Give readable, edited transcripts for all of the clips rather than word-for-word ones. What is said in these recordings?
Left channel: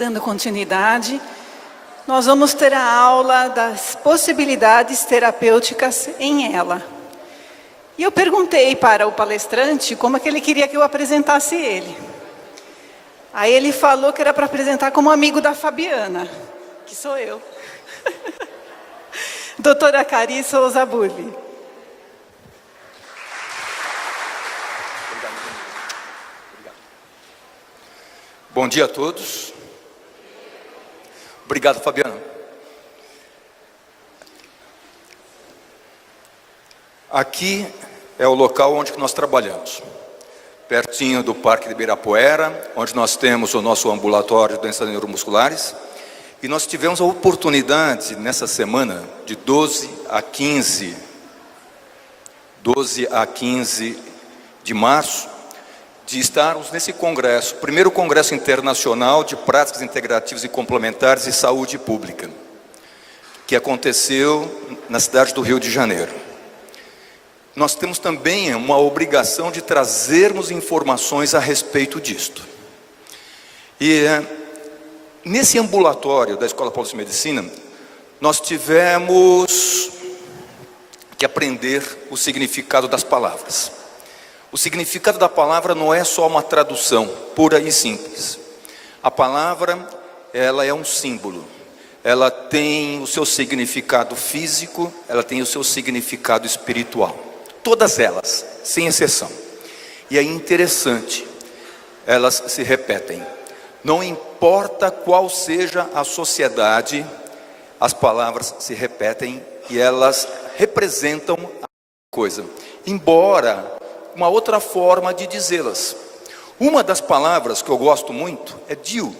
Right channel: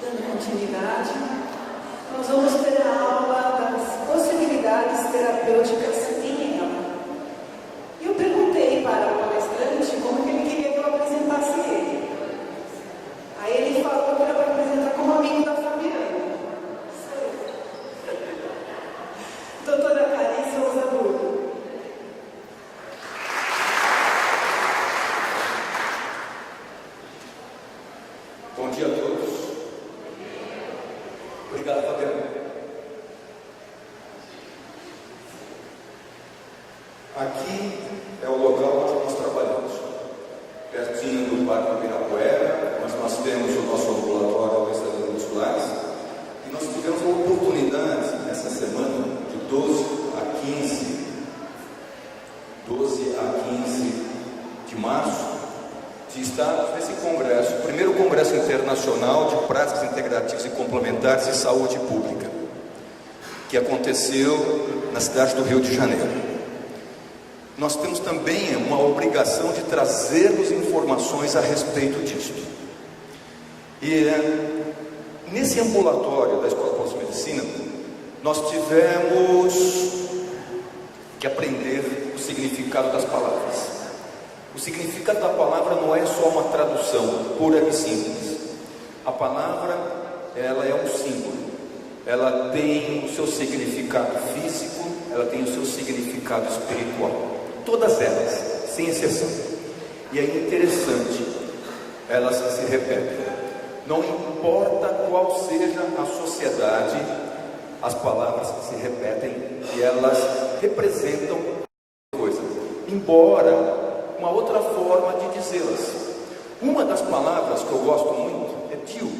Dando continuidade, nós vamos ter a aula das possibilidades terapêuticas em ela. E eu perguntei para o palestrante como é que ele queria que eu apresentasse ele. Aí ele falou que era para apresentar como amigo da Fabiana, que sou eu. Doutora Cari Souza Burli. Bom dia a todos. Obrigado, Fabiana. Aqui é o local onde nós trabalhamos, pertinho do Parque de Ibirapuera, onde nós temos o nosso ambulatório de doenças neuromusculares. E nós tivemos a oportunidade, nessa semana, de 12 a 15 de março, de estarmos nesse congresso, o primeiro congresso internacional de práticas integrativas e complementares de saúde pública, que aconteceu na cidade do Rio de Janeiro. Nós temos também uma obrigação de trazermos informações a respeito disto. E nesse ambulatório da Escola Paulista de Medicina, nós tivemos que aprender o significado das palavras. O significado da palavra não é só uma tradução pura e simples. A palavra, ela é um símbolo. Ela tem o seu significado físico, ela tem o seu significado espiritual. Todas elas, sem exceção. E é interessante, elas se repetem. Não importa qual seja a sociedade, as palavras se repetem e elas representam a coisa. Embora uma outra forma de dizê-las. Uma das palavras que eu gosto muito é Dio.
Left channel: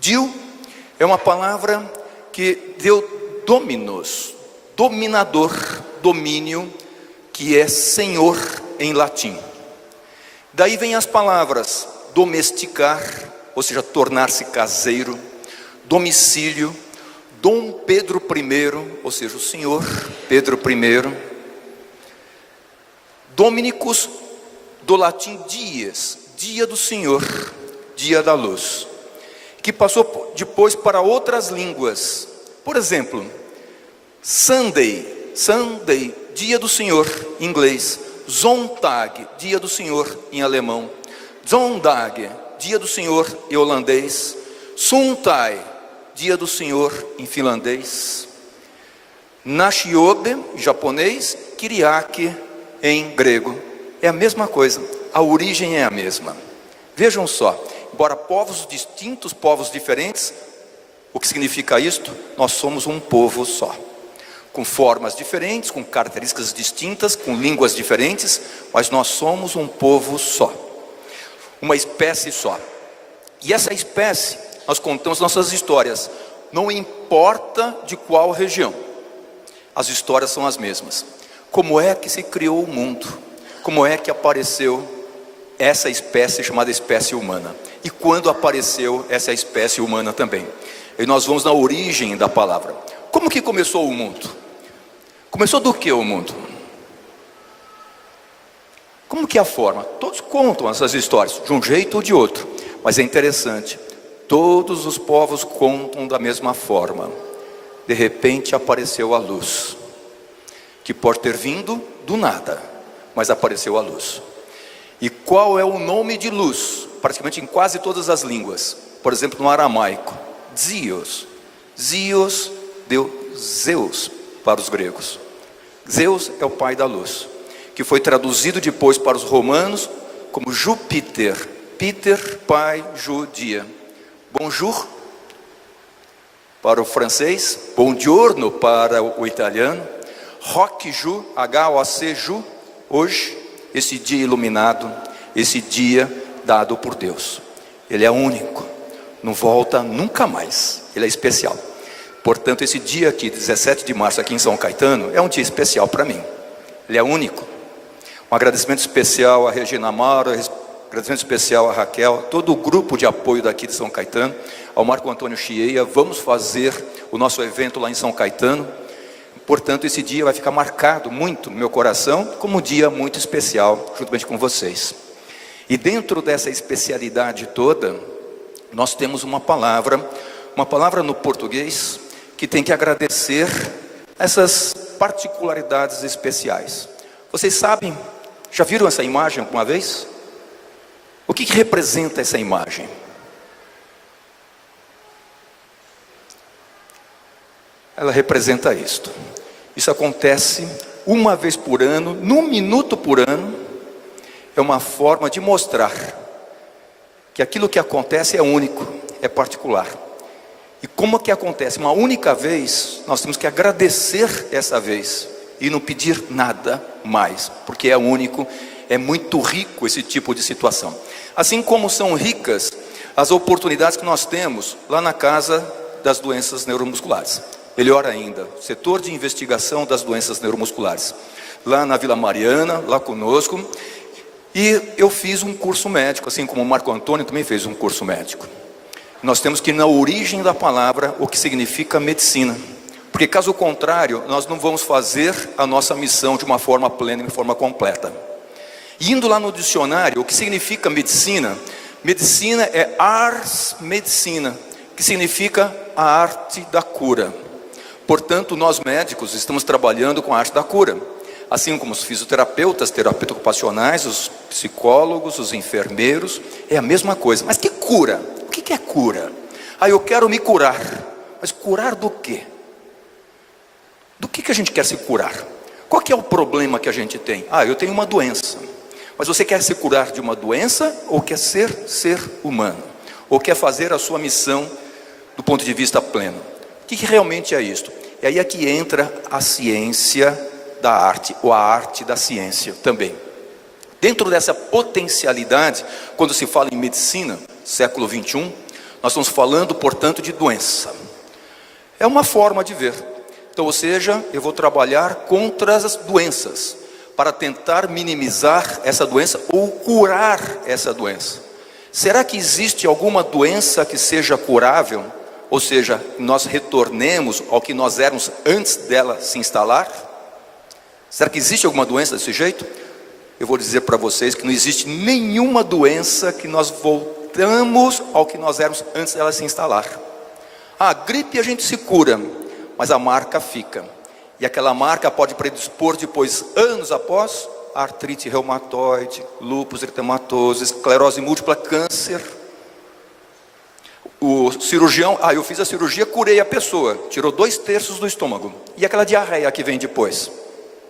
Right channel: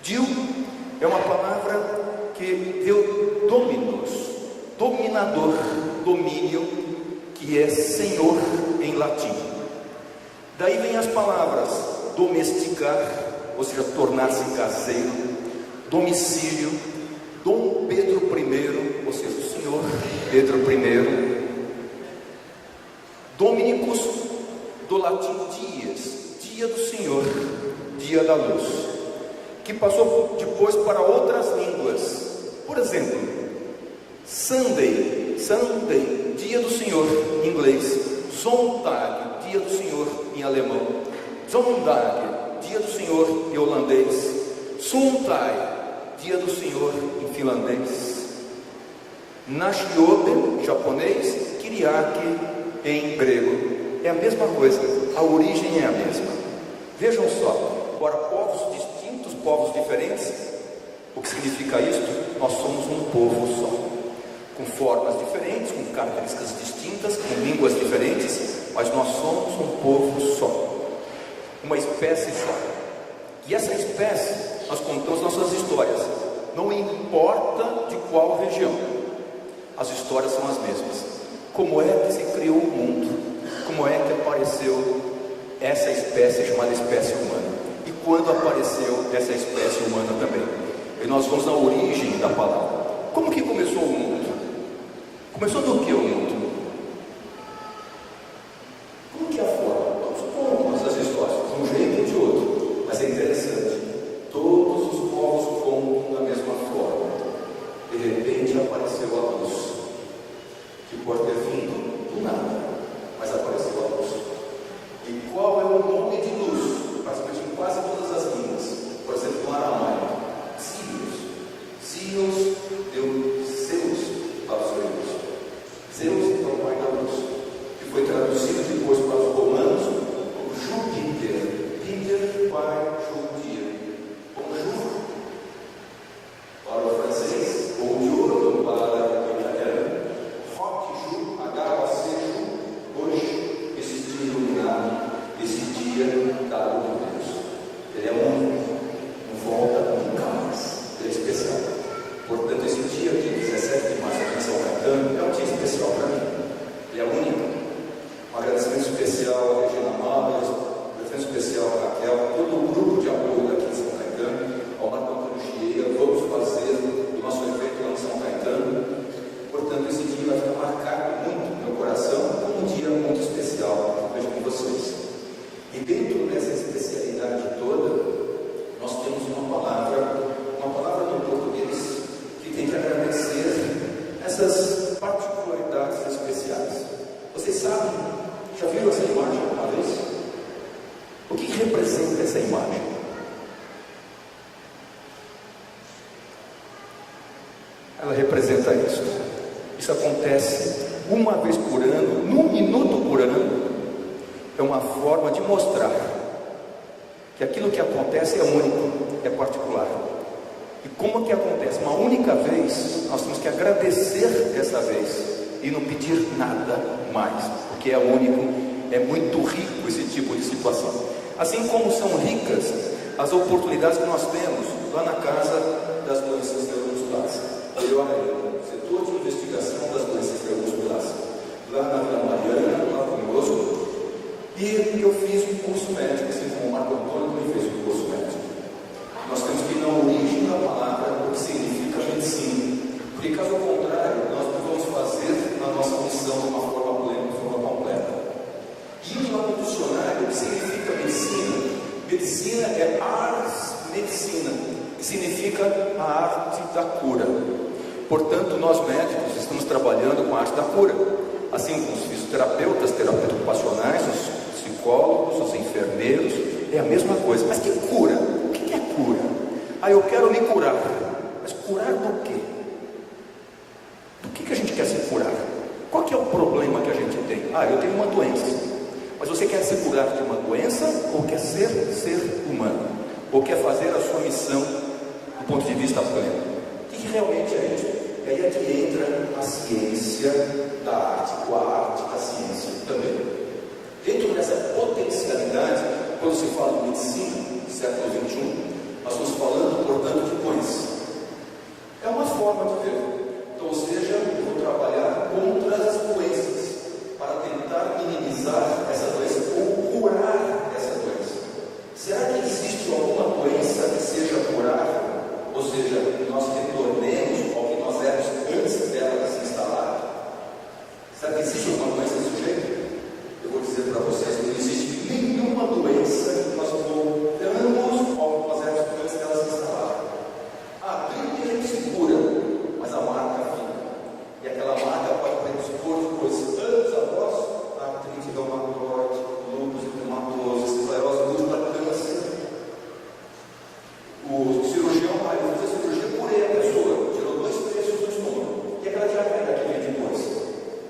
Dio é uma palavra que deu dominos, dominador, domínio, que é senhor em latim. Daí vem as palavras domesticar, ou seja, tornar-se caseiro, domicílio, Dom Pedro I, ou seja, o senhor Pedro I, Dominicus, do latim dies, dia do Senhor, dia da luz, que passou depois para outras línguas. Por exemplo, Sunday, dia do Senhor, em inglês. Zondag, dia do Senhor, em alemão. Zondag, dia do Senhor, em holandês. Suntai, dia do Senhor, em finlandês. Nashiobe, japonês. Kyriake, em grego. É a mesma coisa, a origem é a mesma. Vejam só, embora povos distintos, povos diferentes, o que significa isto? Nós somos um povo só, com formas diferentes, com características distintas, com línguas diferentes, mas nós somos um povo só, uma espécie só. E essa espécie, nós contamos nossas histórias, não importa de qual região, as histórias são as mesmas. Como é que se criou o mundo? Como é que apareceu essa espécie chamada espécie humana? E quando apareceu essa espécie humana também? E nós vamos na origem da palavra. Como que começou o mundo? Começou do que o mundo? Como que é a forma? Todos contam essas histórias, de um jeito ou de outro. Mas é interessante, todos os povos contam da mesma forma. De repente apareceu a luz, que pode ter vindo do nada, mas apareceu a luz. E qual é o nome de luz? Praticamente em quase todas as línguas. Por exemplo, no aramaico, Zios. Zios deu Zeus para os gregos. Zeus é o pai da luz, que foi traduzido depois para os romanos como Júpiter. Peter, pai, Ju, dia. Bonjour para o francês, buongiorno para o italiano. Rock Ju, H-O-C Ju, hoje, esse dia iluminado, esse dia dado por Deus. Ele é único, não volta nunca mais, ele é especial. Portanto, esse dia aqui, 17 de março, aqui em São Caetano, é um dia especial para mim. Ele é único. Um agradecimento especial a Regina Amaro, agradecimento especial a Raquel, todo o grupo de apoio daqui de São Caetano, ao Marco Antônio Chieia. Vamos fazer o nosso evento lá em São Caetano. Portanto, esse dia vai ficar marcado muito no meu coração como um dia muito especial, juntamente com vocês. E dentro dessa especialidade toda, nós temos uma palavra no português que tem que agradecer essas particularidades especiais. Vocês sabem, já viram essa imagem alguma vez? O que representa essa imagem? Ela representa isto. Isso acontece uma vez por ano, num minuto por ano. É uma forma de mostrar que aquilo que acontece é único, é particular. E como que acontece uma única vez, nós temos que agradecer essa vez e não pedir nada mais, porque é único, é muito rico esse tipo de situação. Assim como são ricas as oportunidades que nós temos lá na Casa das Doenças Neuromusculares. Melhor ainda, o setor de investigação das doenças neuromusculares, lá na Vila Mariana, lá conosco. E eu fiz um curso médico, assim como o Marco Antônio também fez um curso médico. Nós temos que ir na origem da palavra, o que significa medicina. Porque caso contrário, nós não vamos fazer a nossa missão de uma forma plena, de forma completa. E indo lá no dicionário, o que significa medicina? Medicina é ars medicina, que significa a arte da cura. Portanto, nós médicos estamos trabalhando com a arte da cura. Assim como os fisioterapeutas, terapeutas ocupacionais, os psicólogos, os enfermeiros, é a mesma coisa. Mas que cura? O que é cura? Eu quero me curar. Mas curar do quê? Do que a gente quer se curar? Qual que é o problema que a gente tem? Eu tenho uma doença. Mas você quer se curar de uma doença ou quer ser humano? Ou quer fazer a sua missão do ponto de vista pleno? O que realmente é isto? E aí é que entra a ciência da arte, ou a arte da ciência também. Dentro dessa potencialidade, quando se fala em medicina, século 21, nós estamos falando, portanto, de doença. É uma forma de ver. Então, ou seja, eu vou trabalhar contra as doenças, para tentar minimizar essa doença, ou curar essa doença. Será que existe alguma doença que seja curável? Ou seja, nós retornemos ao que nós éramos antes dela se instalar? Será que existe alguma doença desse jeito? Eu vou dizer para vocês que não existe nenhuma doença que nós voltamos ao que nós éramos antes dela se instalar. A gripe a gente se cura, mas a marca fica. E aquela marca pode predispor depois, anos após, artrite reumatoide, lúpus eritematoso, esclerose múltipla, câncer. O cirurgião, eu fiz a cirurgia, curei a pessoa, tirou 2/3 do estômago. E aquela diarreia que vem depois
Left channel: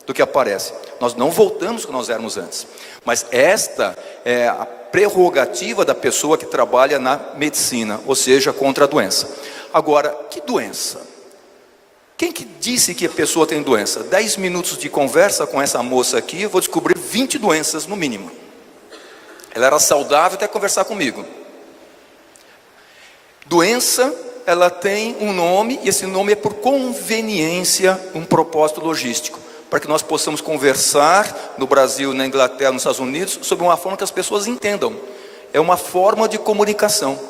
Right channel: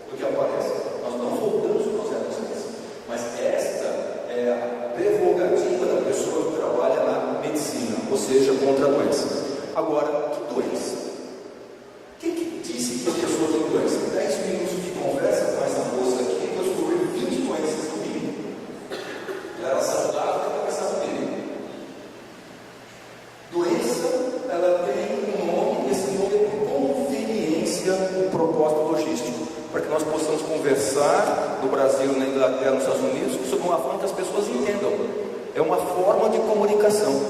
do que aparece? Nós não voltamos ao que nós éramos antes. Mas esta é a prerrogativa da pessoa que trabalha na medicina, ou seja, contra a doença. Agora, que doença? Quem que disse que a pessoa tem doença? 10 minutos de conversa com essa moça aqui, eu vou descobrir 20 doenças no mínimo. Ela era saudável até conversar comigo. Doença, ela tem um nome, e esse nome é por conveniência, um propósito logístico, para que nós possamos conversar no Brasil, na Inglaterra, nos Estados Unidos, sobre uma forma que as pessoas entendam. É uma forma de comunicação,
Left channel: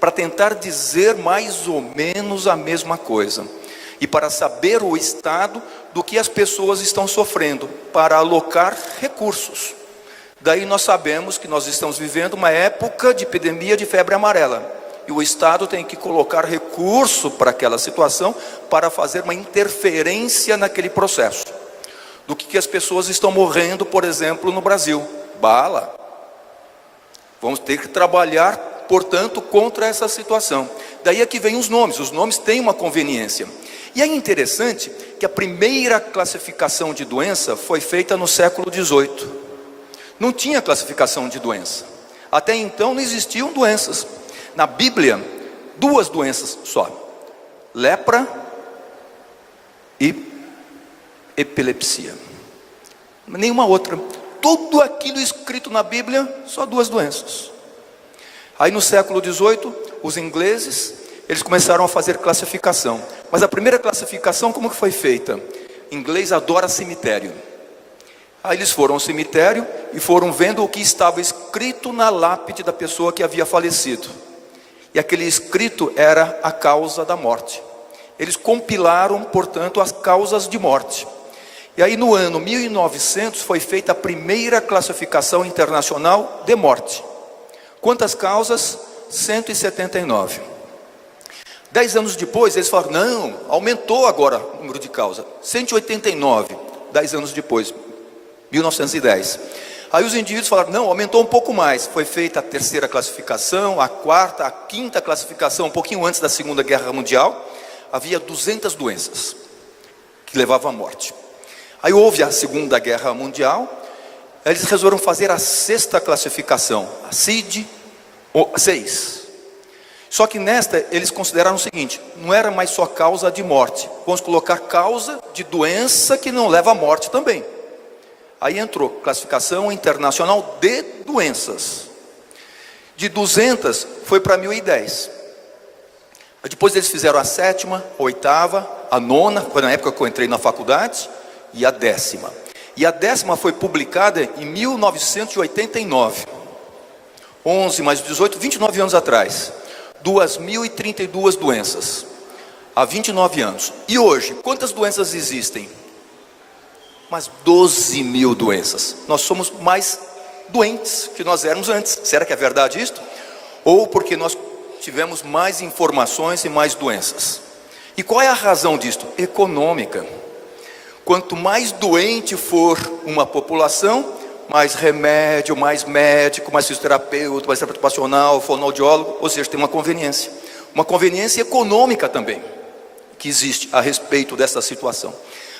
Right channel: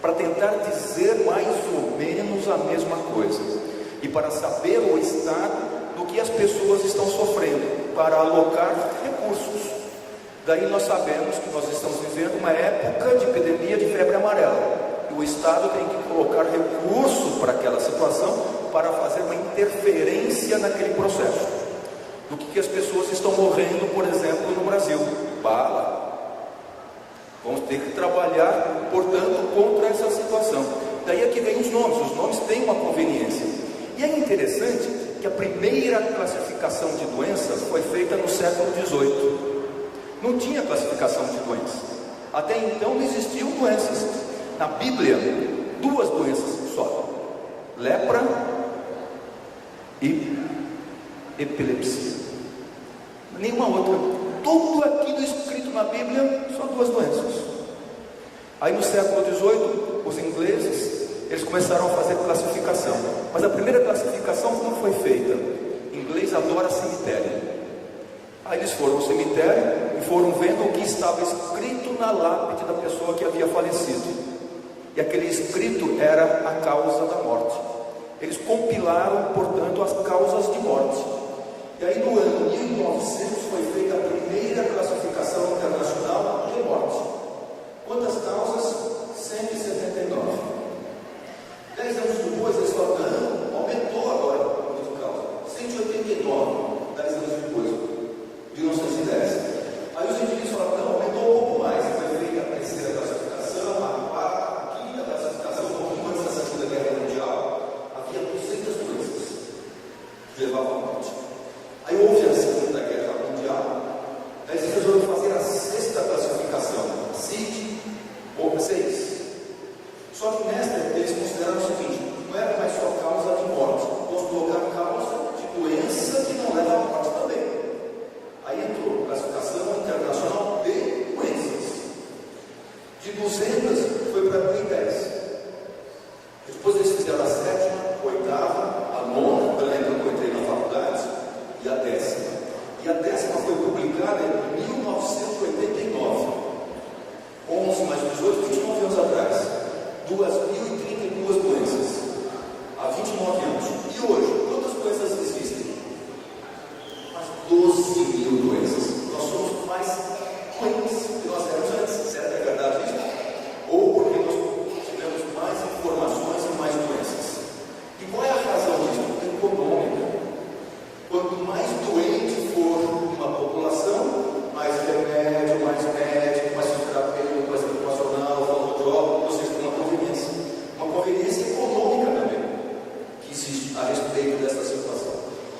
para tentar dizer mais ou menos a mesma coisa, e para saber o estado do que as pessoas estão sofrendo, para alocar recursos. Daí nós sabemos que nós estamos vivendo uma época de epidemia de febre amarela, e o Estado tem que colocar recurso para aquela situação, para fazer uma interferência naquele processo. Do que as pessoas estão morrendo, por exemplo, no Brasil? Bala. Vamos ter que trabalhar, portanto, contra essa situação. Daí é que vem os nomes têm uma conveniência. E é interessante que a primeira classificação de doença foi feita no século XVIII. Não tinha classificação de doença. Até então não existiam doenças. Na Bíblia, 2 doenças só: lepra e epilepsia. Nenhuma outra. Tudo aquilo escrito na Bíblia, só 2 doenças. Aí no século XVIII, os ingleses, eles começaram a fazer classificação. Mas a primeira classificação, como que foi feita? Inglês adora cemitério. Aí eles foram ao cemitério e foram vendo o que estava escrito na lápide da pessoa que havia falecido. E aquele escrito era a causa da morte. Eles compilaram, portanto, as causas de morte. E aí no ano 1900 foi feita a primeira classificação internacional de morte. Quantas causas? 179. 10 anos depois, eles falaram, não, aumentou agora o número de causas, 189, 10 anos depois, 1910. Aí os indivíduos falaram, não, aumentou um pouco mais. Foi feita a terceira classificação, a quarta, a quinta classificação, um pouquinho antes da Segunda Guerra Mundial, havia 200 doenças que levavam à morte. Aí houve a Segunda Guerra Mundial, eles resolveram fazer a sexta classificação, a CID 6. Só que nesta eles consideraram o seguinte, não era mais só causa de morte, vamos colocar causa de doença que não leva à morte também. Aí entrou classificação internacional de doenças. De 200 foi para 1010. Depois eles fizeram a sétima, a oitava, a nona, foi na época que eu entrei na faculdade, e a 10ª. E a 10ª foi publicada em 1989. 11 mais 18, 29 anos atrás. 2.032 doenças. Há 29 anos. E hoje, quantas doenças existem? Mas 12 mil doenças. Nós somos mais doentes que nós éramos antes. Será que é verdade isto? Ou porque nós tivemos mais informações e mais doenças? E qual é a razão disto? Econômica. Quanto mais doente for uma população, mais remédio, mais médico, mais fisioterapeuta, mais terapeuta ocupacional, fonoaudiólogo, ou seja, tem uma conveniência econômica também, que existe a respeito dessa situação.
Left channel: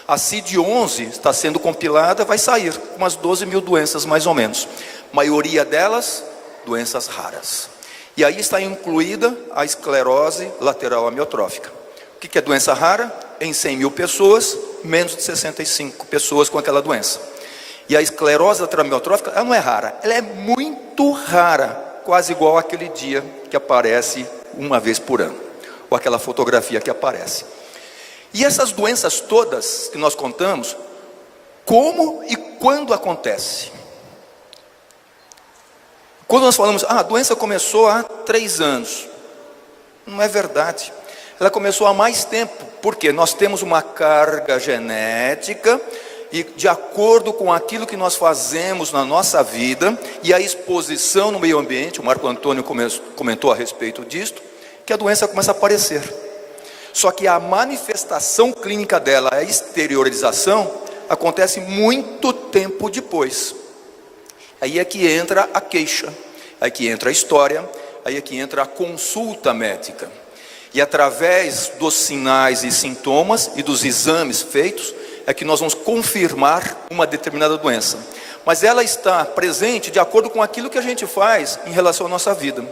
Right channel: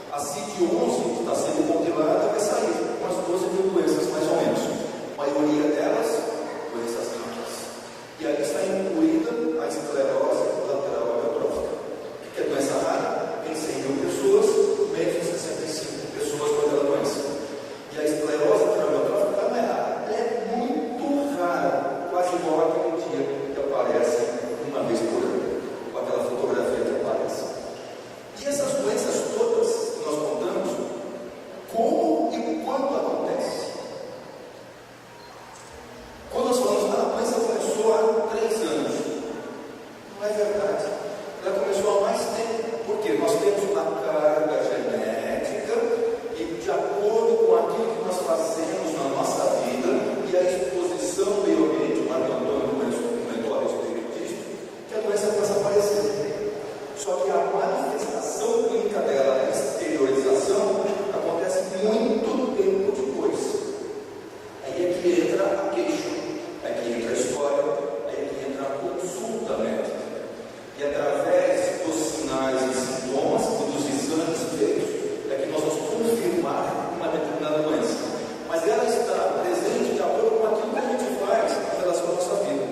A CID-11 está sendo compilada, vai sair umas 12 mil doenças mais ou menos, maioria delas, doenças raras. E aí está incluída a esclerose lateral amiotrófica. O que é doença rara? Em 100 mil pessoas, menos de 65 pessoas com aquela doença. E a esclerose lateral amiotrófica, ela não é rara, ela é muito rara, quase igual àquele dia que aparece uma vez por ano, ou aquela fotografia que aparece. E essas doenças todas que nós contamos, como e quando acontece? Quando nós falamos, a doença começou há 3 anos, não é verdade, ela começou há mais tempo, porque nós temos uma carga genética, e de acordo com aquilo que nós fazemos na nossa vida, e a exposição no meio ambiente, o Marco Antônio comentou a respeito disto, que a doença começa a aparecer. Só que a manifestação clínica dela, a exteriorização, acontece muito tempo depois. Aí é que entra a queixa, aí é que entra a história, aí é que entra a consulta médica. E através dos sinais e sintomas e dos exames feitos, é que nós vamos confirmar uma determinada doença. Mas ela está presente de acordo com aquilo que a gente faz em relação à nossa vida.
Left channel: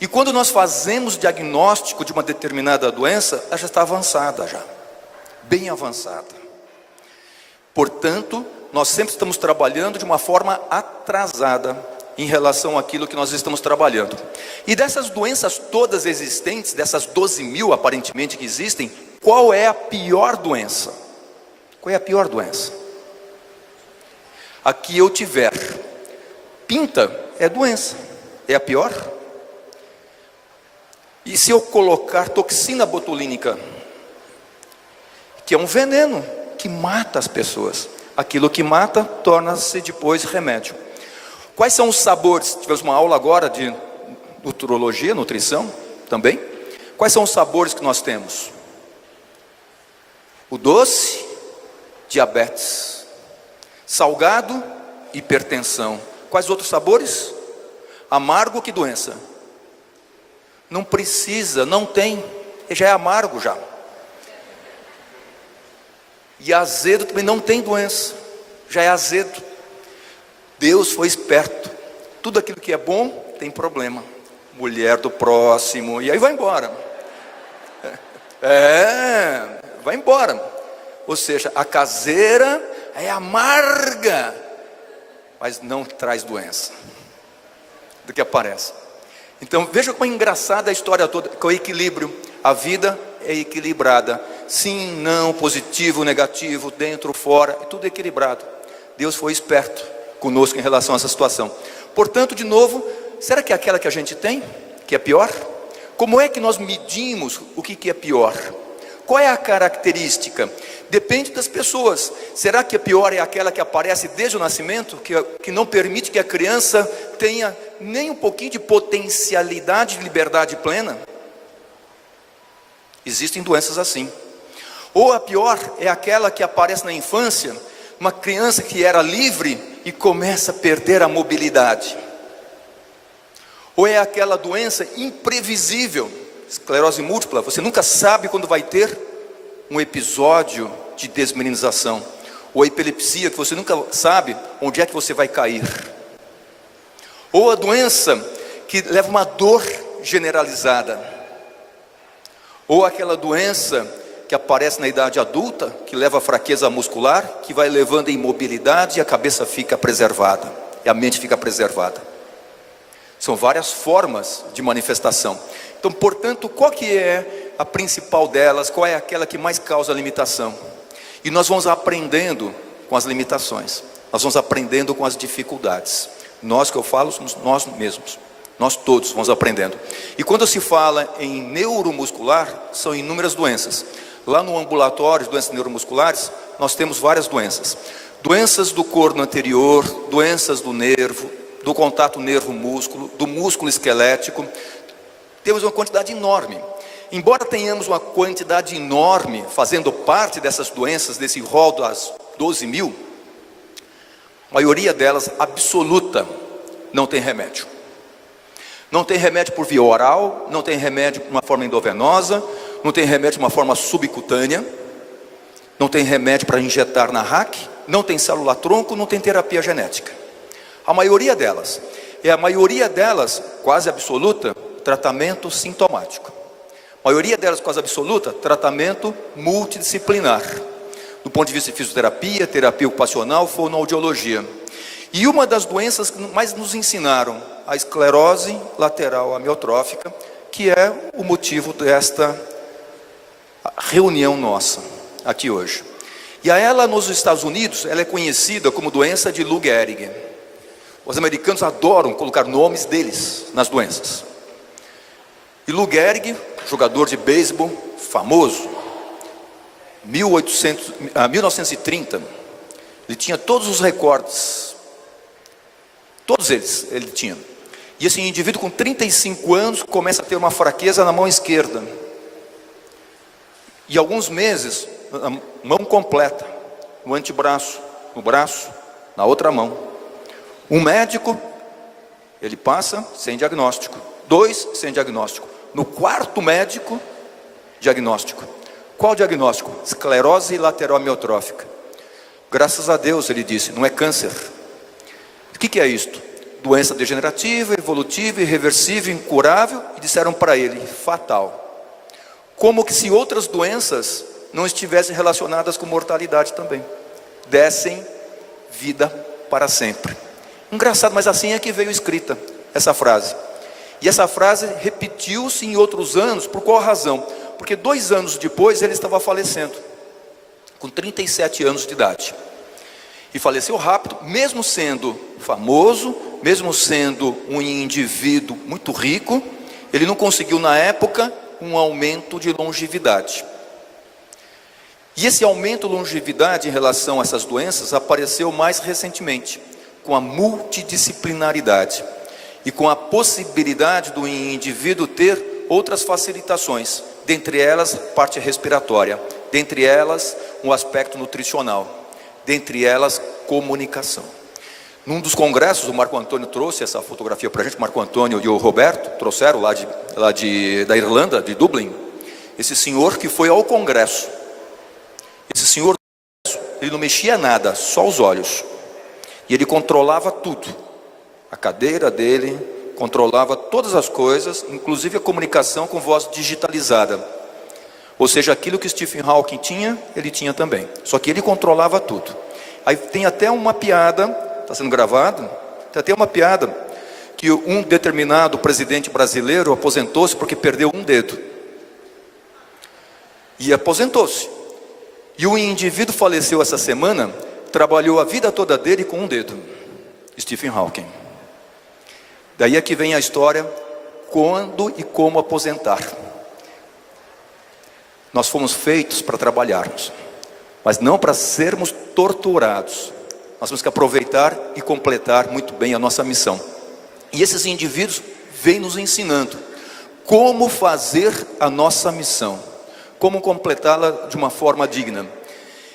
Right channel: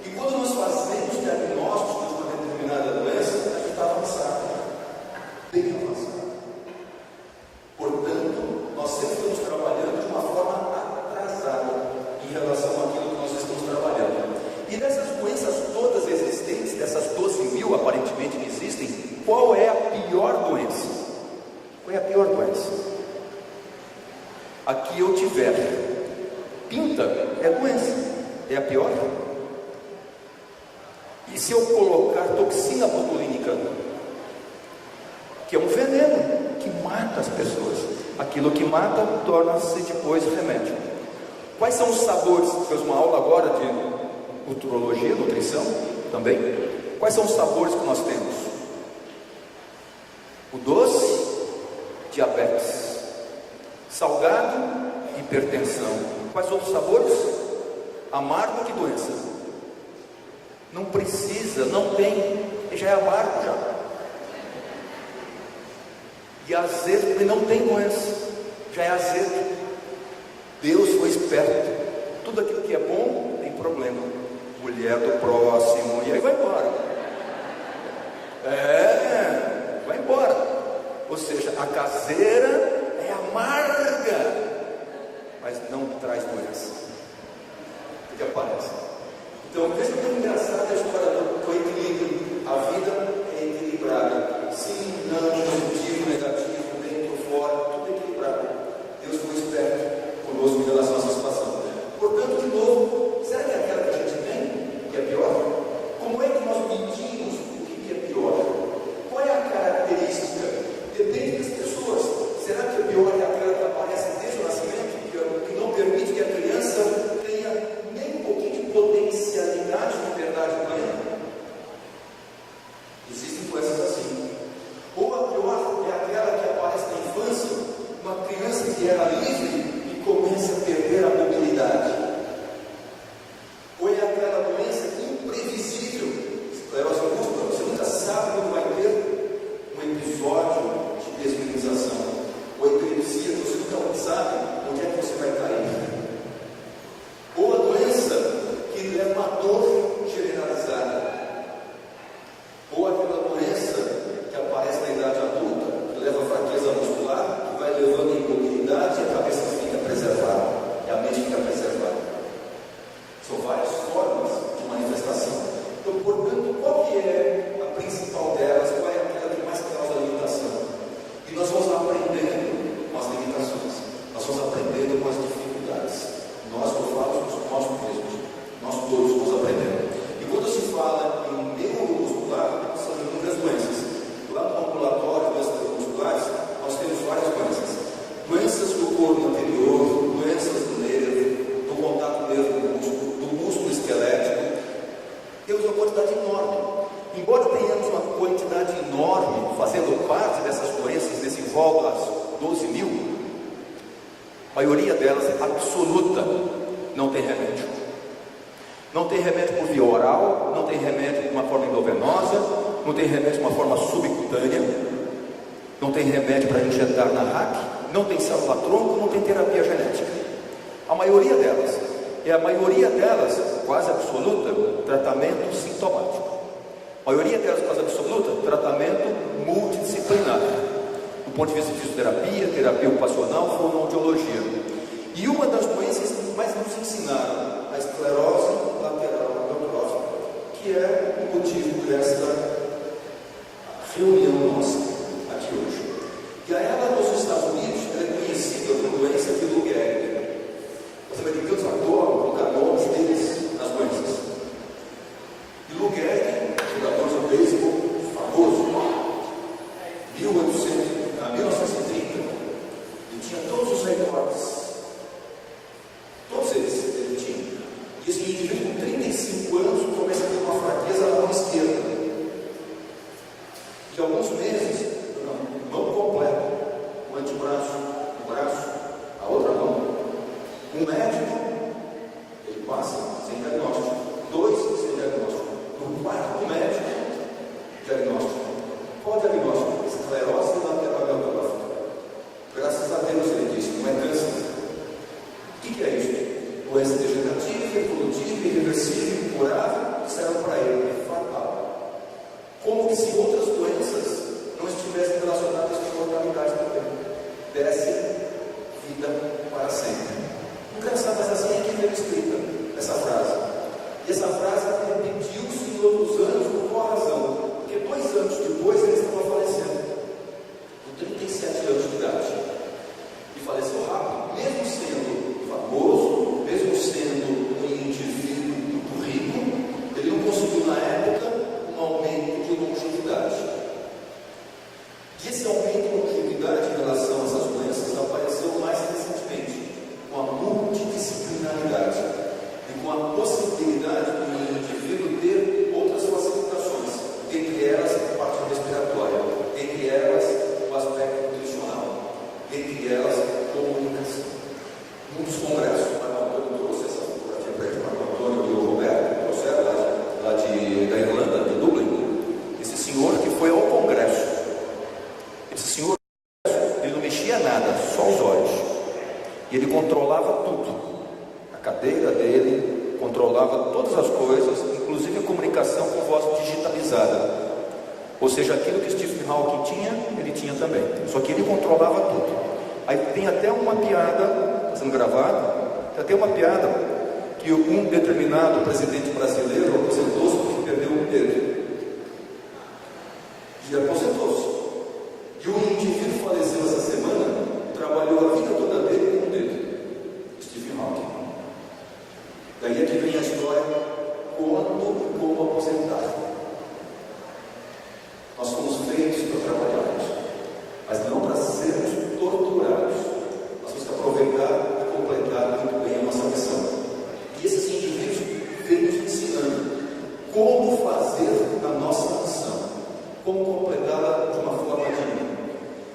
E quando nós fazemos diagnóstico de uma determinada doença, ela já está avançada já, bem avançada. Portanto, nós sempre estamos trabalhando de uma forma atrasada em relação àquilo que nós estamos trabalhando. E dessas doenças todas existentes, dessas 12 mil aparentemente que existem, qual é a pior doença? Qual é a pior doença? A que eu tiver pinta é doença, é a pior? E se eu colocar toxina botulínica, que é um veneno que mata as pessoas, aquilo que mata torna-se depois remédio. Quais são os sabores? Tivemos uma aula agora de nutrologia, nutrição também. Quais são os sabores que nós temos? O doce, diabetes. Salgado, hipertensão. Quais outros sabores? Amargo, que doença? Não precisa, não tem, já é amargo já. E azedo também não tem doença, já é azedo. Deus foi esperto, tudo aquilo que é bom tem problema. Mulher do próximo, e aí vai embora. Vai embora. Ou seja, a caseira é amarga, mas não traz doença do que aparece. Então veja como é engraçada a história toda, com o equilíbrio. A vida é equilibrada, sim, não, positivo, negativo, dentro, fora, é tudo equilibrado. Deus foi esperto conosco em relação a essa situação. Portanto, de novo, será que é aquela que a gente tem, que é pior? Como é que nós medimos o que é pior? Qual é a característica? Depende das pessoas. Será que a pior é aquela que aparece desde o nascimento, que não permite que a criança tenha nem um pouquinho de potencialidade de liberdade plena? Existem doenças assim. Ou a pior é aquela que aparece na infância, uma criança que era livre e começa a perder a mobilidade. Ou é aquela doença imprevisível, esclerose múltipla, você nunca sabe quando vai ter um episódio de desmilinização. Ou a epilepsia, que você nunca sabe onde é que você vai cair. Ou a doença que leva uma dor generalizada. Ou aquela doença que aparece na idade adulta, que leva a fraqueza muscular, que vai levando a imobilidade e a cabeça fica preservada, e a mente fica preservada. São várias formas de manifestação. Então, portanto, qual que é a principal delas? Qual é aquela que mais causa limitação? E nós vamos aprendendo com as limitações, nós vamos aprendendo com as dificuldades. Nós, que eu falo, somos nós mesmos. Nós todos vamos aprendendo. E quando se fala em neuromuscular, são inúmeras doenças. Lá no ambulatório de doenças neuromusculares, nós temos várias doenças. Doenças do corno anterior, doenças do nervo, do contato nervo-músculo, do músculo esquelético. Temos uma quantidade enorme. Embora tenhamos uma quantidade enorme fazendo parte dessas doenças, desse rol das 12.000, a maioria delas, absoluta, não tem remédio. Não tem remédio por via oral, não tem remédio de uma forma endovenosa, não tem remédio de uma forma subcutânea, não tem remédio para injetar na RAC, não tem célula-tronco, não tem terapia genética. A maioria delas, quase absoluta, tratamento sintomático. A maioria delas, quase absoluta, tratamento multidisciplinar, do ponto de vista de fisioterapia, terapia ocupacional, fonoaudiologia. E uma das doenças que mais nos ensinaram, a esclerose lateral amiotrófica, que é o motivo desta reunião nossa aqui hoje. E a ela, nos Estados Unidos, ela é conhecida como doença de Lou Gehrig. Os americanos adoram colocar nomes deles nas doenças. E Lou Gehrig, jogador de beisebol famoso, 1930, ele tinha todos os recordes, todos eles ele tinha. E esse indivíduo com 35 anos começa a ter uma fraqueza na mão esquerda. E alguns meses, na mão completa, no antebraço, no braço, na outra mão. Um médico, ele passa sem diagnóstico. 2 sem diagnóstico. No quarto médico, diagnóstico. Qual diagnóstico? Esclerose lateral amiotrófica. Graças a Deus, ele disse, não é câncer. O que é isto? Doença degenerativa, evolutiva, irreversível, incurável. E disseram para ele, fatal. Como que se outras doenças não estivessem relacionadas com mortalidade também. Dessem vida para sempre. Engraçado, mas assim é que veio escrita essa frase. E essa frase repetiu-se em outros anos, por qual razão? Porque 2 anos depois ele estava falecendo, com 37 anos de idade. E faleceu rápido, mesmo sendo famoso, mesmo sendo um indivíduo muito rico, ele não conseguiu na época um aumento de longevidade. E esse aumento de longevidade em relação a essas doenças apareceu mais recentemente, com a multidisciplinaridade e com a possibilidade do indivíduo ter outras facilitações, dentre elas a parte respiratória, dentre elas um aspecto nutricional, dentre elas comunicação. Num dos congressos, o Marco Antônio trouxe essa fotografia para a gente, o Marco Antônio e o Roberto trouxeram da Irlanda, de Dublin, esse senhor que foi ao congresso. Esse senhor, ele não mexia nada, só os olhos. E ele controlava tudo. A cadeira dele, controlava todas as coisas, inclusive a comunicação com voz digitalizada. Ou seja, aquilo que Stephen Hawking tinha, ele tinha também. Só que ele controlava tudo. Aí tem até uma piada, está sendo gravado, tem até uma piada, que um determinado presidente brasileiro aposentou-se porque perdeu um dedo. E aposentou-se. E o indivíduo faleceu essa semana, trabalhou a vida toda dele com um dedo. Stephen Hawking. Daí é que vem a história, quando e como aposentar. Nós fomos feitos para trabalharmos. mas não para sermos torturados. Nós temos que aproveitar e completar muito bem a nossa missão. E esses indivíduos vêm nos ensinando como fazer a nossa missão, como completá-la de uma forma digna.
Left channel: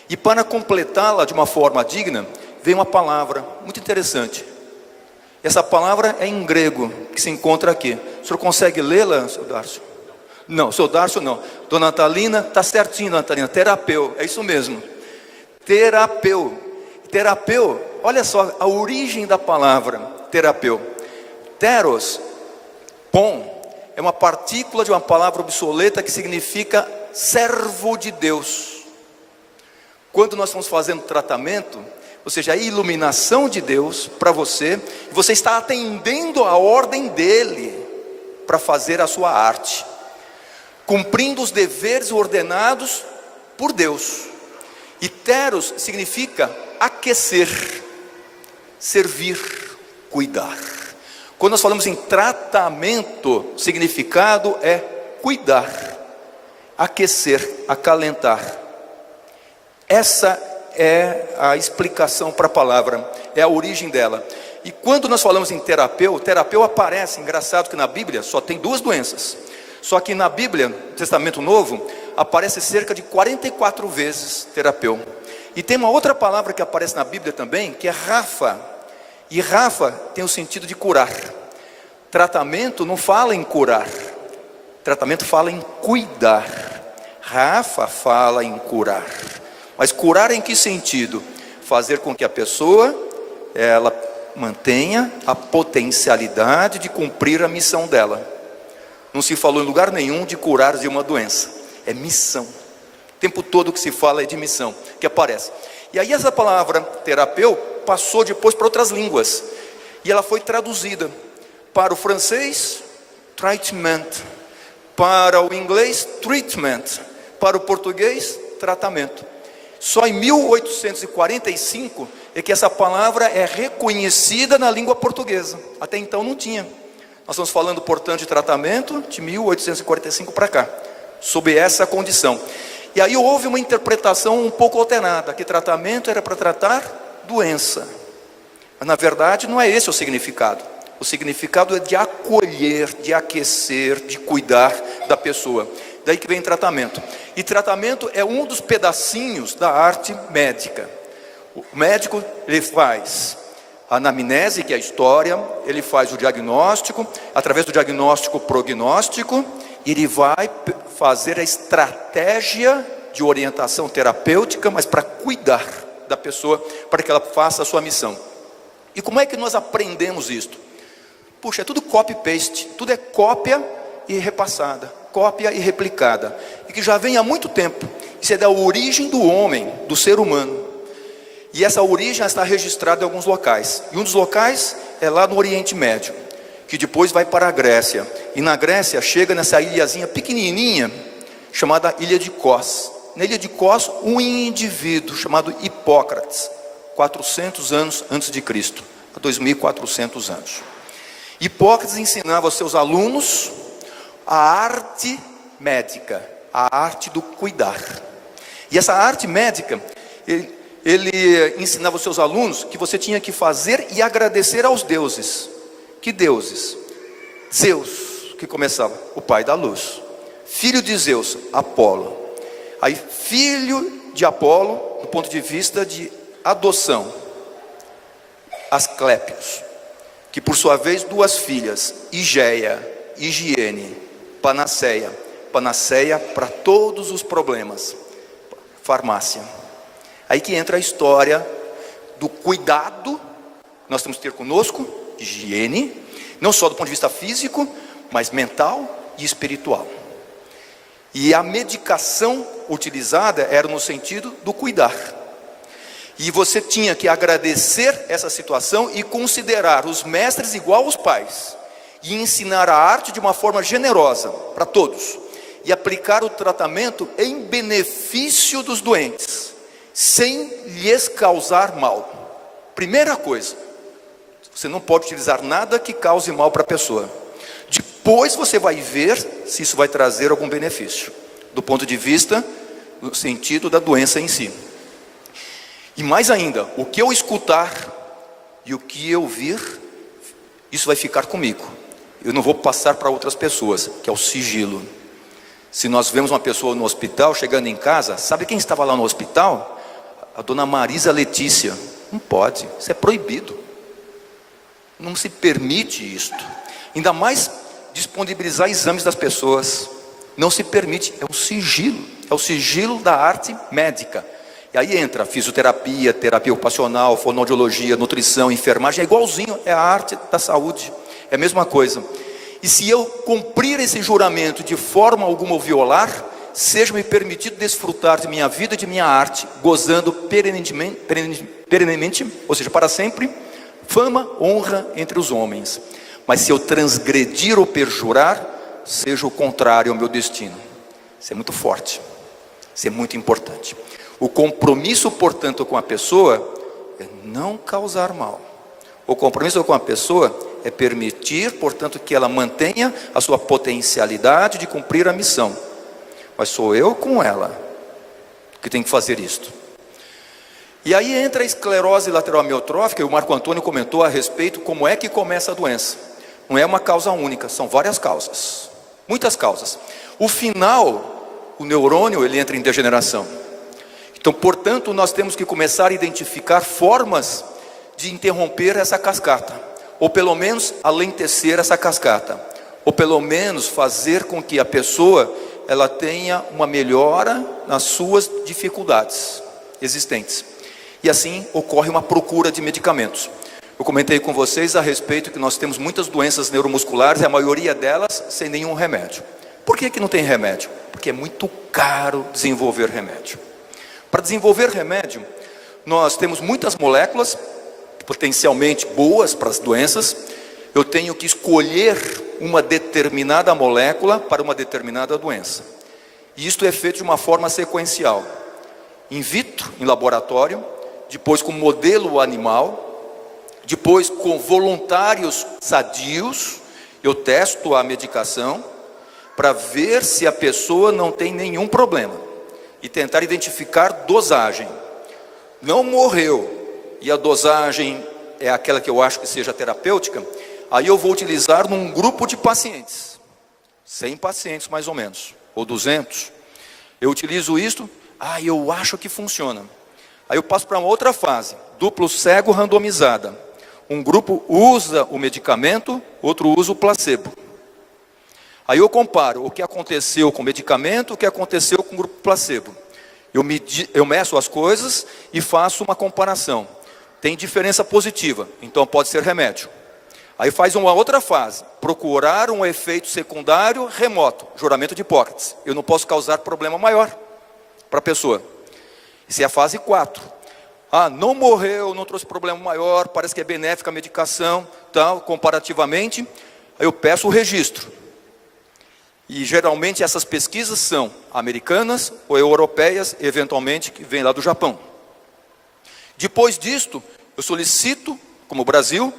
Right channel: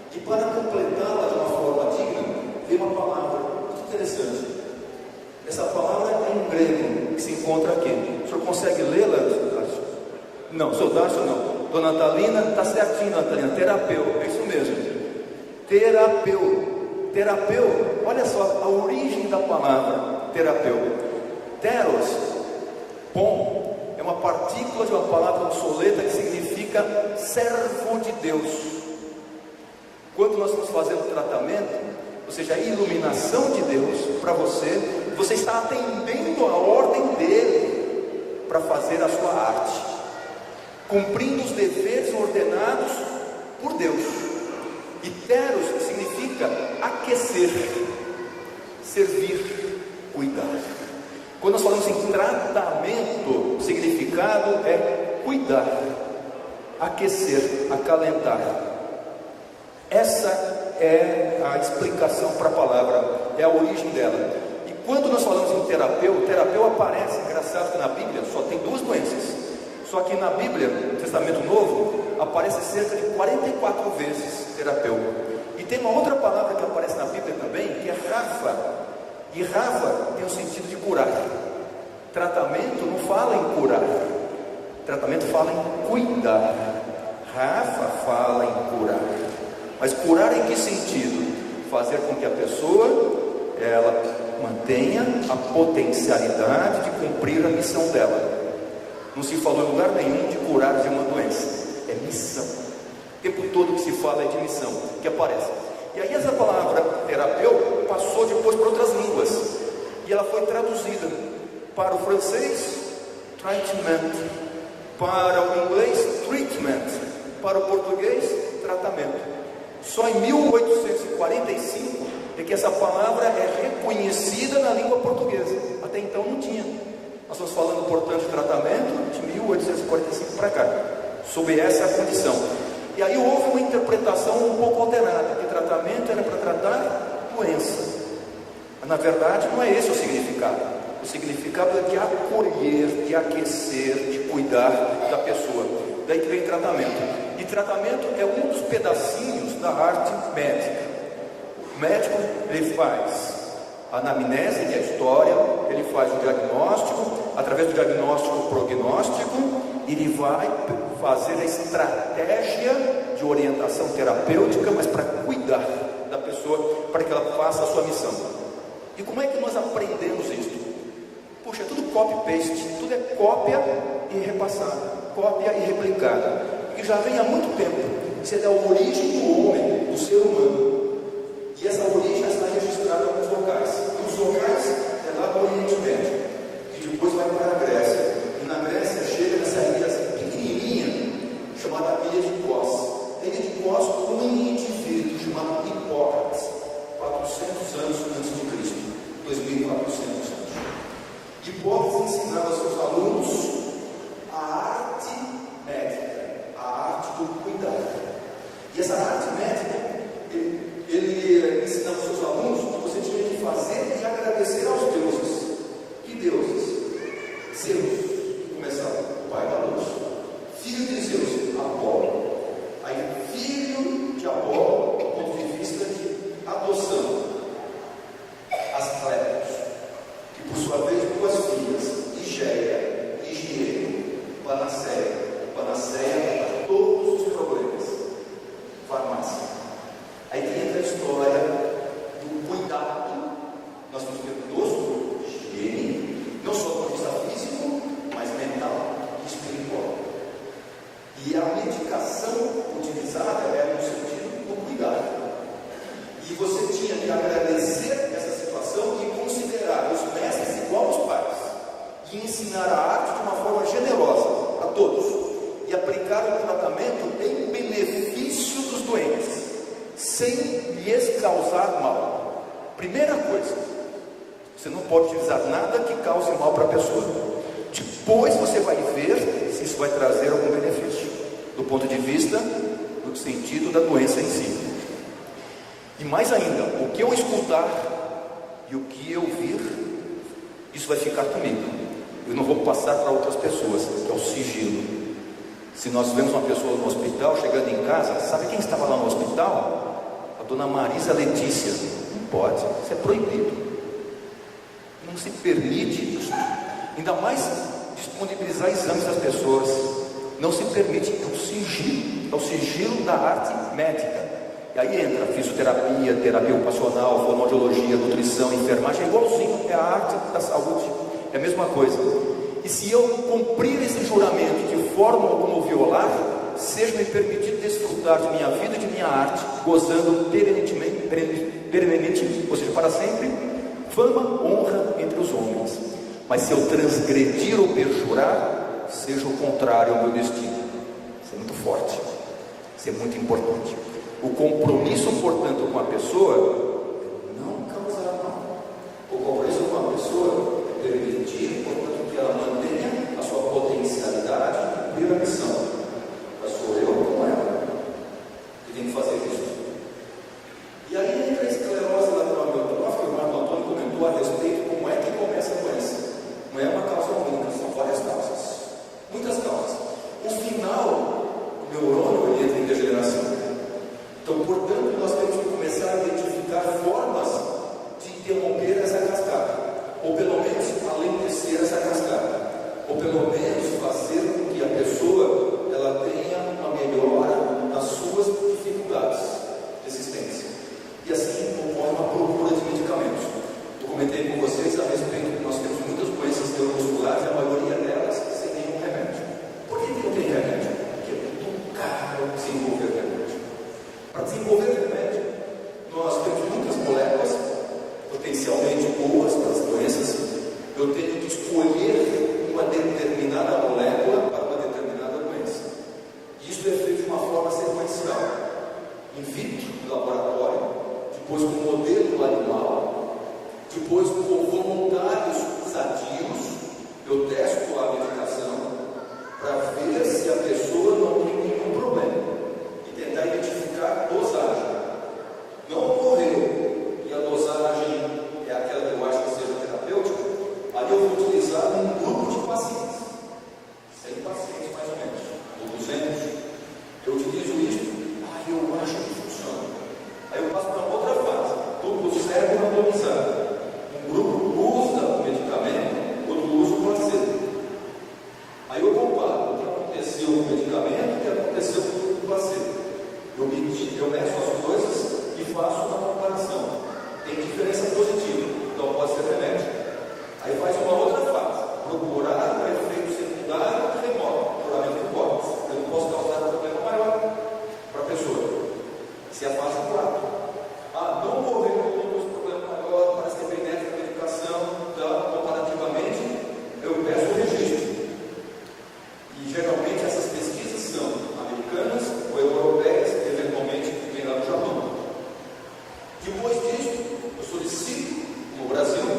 E para completá-la de uma forma digna, vem uma palavra muito interessante. Essa palavra é em grego, que se encontra aqui. O senhor consegue lê-la, senhor Darcio? Não, senhor Darcio não. Dona Natalina, está certinho, Natalina. Terapeu, é isso mesmo. Terapeu. Terapeu, olha só a origem da palavra terapeu. Teros, pom, é uma partícula de uma palavra obsoleta que significa servo de Deus. Quando nós estamos fazendo tratamento, ou seja, a iluminação de Deus para você, você está atendendo a ordem dele para fazer a sua arte, cumprindo os deveres ordenados por Deus. E teros significa aquecer, servir, cuidar. Quando nós falamos em tratamento, o significado é cuidar, aquecer, acalentar. Essa é a explicação para a palavra, é a origem dela. E quando nós falamos em terapeu, o terapeu aparece, engraçado que na Bíblia só tem 2 doenças. Só que na Bíblia, no Testamento Novo, aparece cerca de 44 vezes terapeu. E tem uma outra palavra que aparece na Bíblia também, que é Rafa. E Rafa tem o sentido de curar. Tratamento não fala em curar, tratamento fala em cuidar. Rafa fala em curar. Mas curar em que sentido? Fazer com que a pessoa, ela mantenha a potencialidade de cumprir a missão dela. Não se falou em lugar nenhum de curar de uma doença, é missão. O tempo todo que se fala é de missão, que aparece. E aí essa palavra terapeu passou depois para outras línguas, e ela foi traduzida para o francês, treatment, para o inglês, treatment, para o português, tratamento. Só em 1845 é que essa palavra é reconhecida na língua portuguesa, até então não tinha. Nós estamos falando, portanto, de tratamento de 1845 para cá, sob essa condição. E aí houve uma interpretação um pouco alternada, que tratamento era para tratar doença. Mas na verdade não é esse o significado. O significado é de acolher, de aquecer, de cuidar da pessoa. Daí que vem tratamento. E tratamento é um dos pedacinhos da arte médica. O médico, ele faz a anamnese, que é a história, ele faz o diagnóstico, através do diagnóstico, prognóstico, ele vai fazer a estratégia de orientação terapêutica, mas para cuidar da pessoa, para que ela faça a sua missão. E como é que nós aprendemos isto? Puxa, é tudo copy-paste, tudo é cópia e repassada, cópia e replicada, e que já vem há muito tempo. Isso é da origem do homem, do ser humano. E essa origem está registrada em alguns locais. E um dos locais é lá no Oriente Médio, que depois vai para a Grécia. E na Grécia chega nessa ilhazinha pequenininha, chamada Ilha de Kos. Na Ilha de Kos, um indivíduo chamado Hipócrates, 400 anos antes de Cristo, 2400 anos. Hipócrates ensinava aos seus alunos a arte médica, a arte do cuidar. E essa arte médica, ele ensinava aos seus alunos que você tinha que fazer e agradecer aos deuses. Que deuses? Zeus, que começava, o pai da luz. Filho de Zeus, Apolo. Aí filho de Apolo, do ponto de vista de adoção, Asclépios, que por sua vez 2 filhas, Higeia, Higiene, Panaceia. Panaceia para todos os problemas, farmácia. Aí que entra a história do cuidado, nós temos que ter conosco, higiene, não só do ponto de vista físico, mas mental e espiritual. E a medicação utilizada era no sentido do cuidar. E você tinha que agradecer essa situação e considerar os mestres igual aos pais, e ensinar a arte de uma forma generosa para todos, e aplicar o tratamento em benefício dos doentes, sem lhes causar mal. Primeira coisa, você não pode utilizar nada que cause mal para a pessoa. Depois você vai ver se isso vai trazer algum benefício, do ponto de vista, no sentido da doença em si. E mais ainda, o que eu escutar e o que eu vir, isso vai ficar comigo. Eu não vou passar para outras pessoas, que é o sigilo. Se nós vemos uma pessoa no hospital, chegando em casa, sabe quem estava lá no hospital? A dona Marisa Letícia. Não pode, isso é proibido. Não se permite isto. Ainda mais disponibilizar exames das pessoas. Não se permite, é o sigilo da arte médica. E aí entra fisioterapia, terapia ocupacional, fonoaudiologia, nutrição, enfermagem, é igualzinho, é a arte da saúde, é a mesma coisa. E se eu cumprir esse juramento de forma alguma ou violar, seja-me permitido desfrutar de minha vida e de minha arte, gozando perenemente, ou seja, para sempre, fama, honra entre os homens. Mas se eu transgredir ou perjurar, seja o contrário ao meu destino. Isso é muito forte, isso é muito importante. O compromisso, portanto, com a pessoa é não causar mal. O compromisso com a pessoa é permitir, portanto, que ela mantenha a sua potencialidade de cumprir a missão. Mas sou eu com ela que tem que fazer isto. E aí entra a esclerose lateral amiotrófica, e o Marco Antônio comentou a respeito como é que começa a doença. Não é uma causa única, são várias causas, muitas causas. O final, o neurônio, ele entra em degeneração. Então, portanto, nós temos que começar a identificar formas de interromper essa cascata, ou pelo menos alentecer essa cascata, ou pelo menos fazer com que a pessoa ela tenha uma melhora nas suas dificuldades existentes. E assim ocorre uma procura de medicamentos. Eu comentei com vocês a respeito que nós temos muitas doenças neuromusculares, e a maioria delas sem nenhum remédio. Por que não tem remédio? Porque é muito caro desenvolver remédio. Para desenvolver remédio, nós temos muitas moléculas potencialmente boas para as doenças. Eu tenho que escolher uma determinada molécula para uma determinada doença. E isto é feito de uma forma sequencial. In vitro, em laboratório, depois com modelo animal, depois com voluntários sadios, eu testo a medicação para ver se a pessoa não tem nenhum problema e tentar identificar dosagem. Não morreu e a dosagem é aquela que eu acho que seja terapêutica, aí eu vou utilizar num grupo de pacientes, 100 pacientes mais ou menos, ou 200. Eu utilizo isto, eu acho que funciona. Aí eu passo para uma outra fase, duplo cego randomizada. Um grupo usa o medicamento, outro usa o placebo. Aí eu comparo o que aconteceu com o medicamento, o que aconteceu com o grupo placebo. Eu meço as coisas e faço uma comparação. Tem diferença positiva, então pode ser remédio. Aí faz uma outra fase, procurar um efeito secundário remoto, juramento de Hipócrates. Eu não posso causar problema maior para a pessoa. Essa é a fase 4. Não morreu, não trouxe problema maior, parece que é benéfica a medicação, tal, comparativamente. Aí eu peço o registro. E geralmente essas pesquisas são americanas ou europeias, eventualmente que vem lá do Japão. Depois disto, eu solicito, como o Brasil,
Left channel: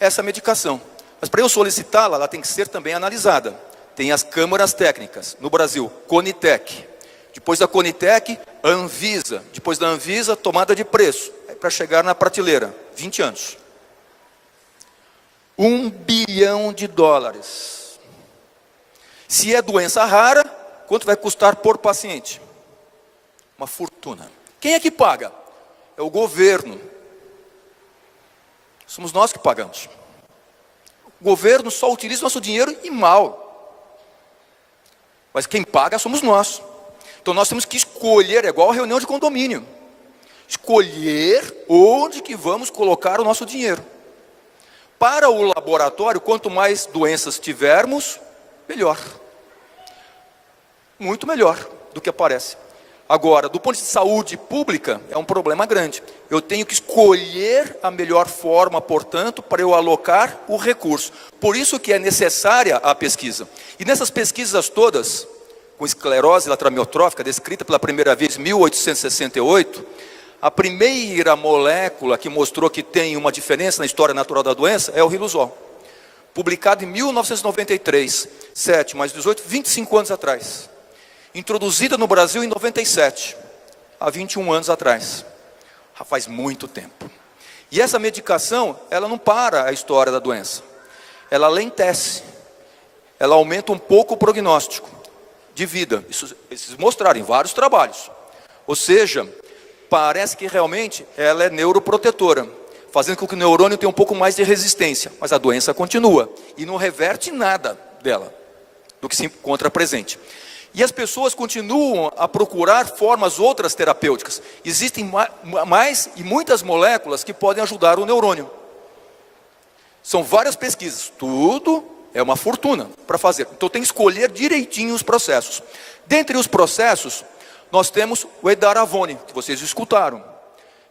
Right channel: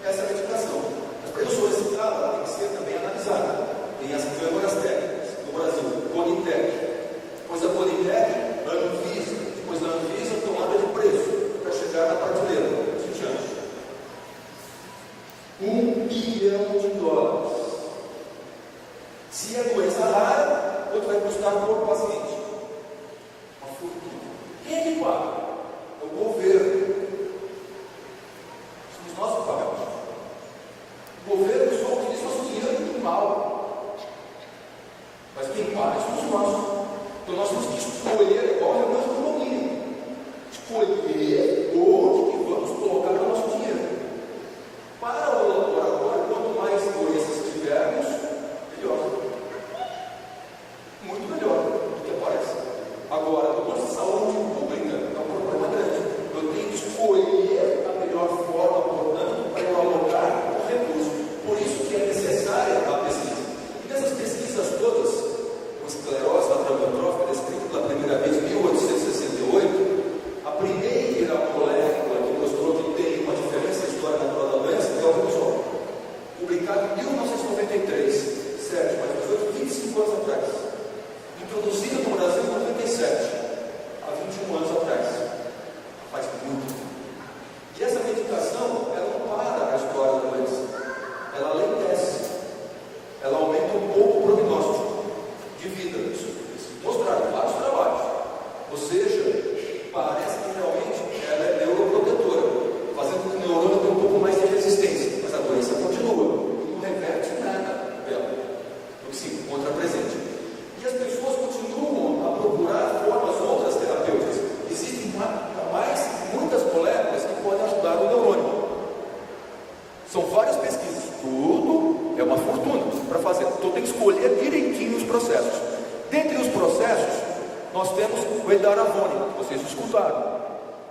essa medicação. Mas para eu solicitá-la, ela tem que ser também analisada. Tem as câmaras técnicas. No Brasil, Conitec. Depois da Conitec, a Anvisa. Depois da Anvisa, tomada de preço. Para chegar na prateleira, 20 anos. $1 bilhão. Se é doença rara, quanto vai custar por paciente? Uma fortuna. Quem é que paga? É o governo. Somos nós que pagamos. O governo só utiliza nosso dinheiro e mal. Mas quem paga somos nós. Então nós temos que escolher, é igual a reunião de condomínio. Escolher onde que vamos colocar o nosso dinheiro. Para o laboratório, quanto mais doenças tivermos, melhor. Muito melhor do que aparece. Agora, do ponto de saúde pública, é um problema grande. Eu tenho que escolher a melhor forma, portanto, para eu alocar o recurso. Por isso que é necessária a pesquisa. E nessas pesquisas todas, com esclerose lateral amiotrófica, descrita pela primeira vez em 1868, a primeira molécula que mostrou que tem uma diferença na história natural da doença é o riluzol. Publicado em 1993, 7 mais 18, 25 anos atrás. Introduzida no Brasil em 97, há 21 anos atrás. Já faz muito tempo. E essa medicação, ela não para a história da doença. Ela alentece. Ela aumenta um pouco o prognóstico de vida. Isso eles mostraram em vários trabalhos. Ou seja, parece que realmente ela é neuroprotetora, fazendo com que o neurônio tenha um pouco mais de resistência. Mas a doença continua e não reverte nada dela, do que se encontra presente. E as pessoas continuam a procurar formas outras terapêuticas. Existem mais e muitas moléculas que podem ajudar o neurônio. São várias pesquisas, tudo é uma fortuna para fazer. Então tem que escolher direitinho os processos. Dentre os processos, nós temos o edaravone, que vocês escutaram.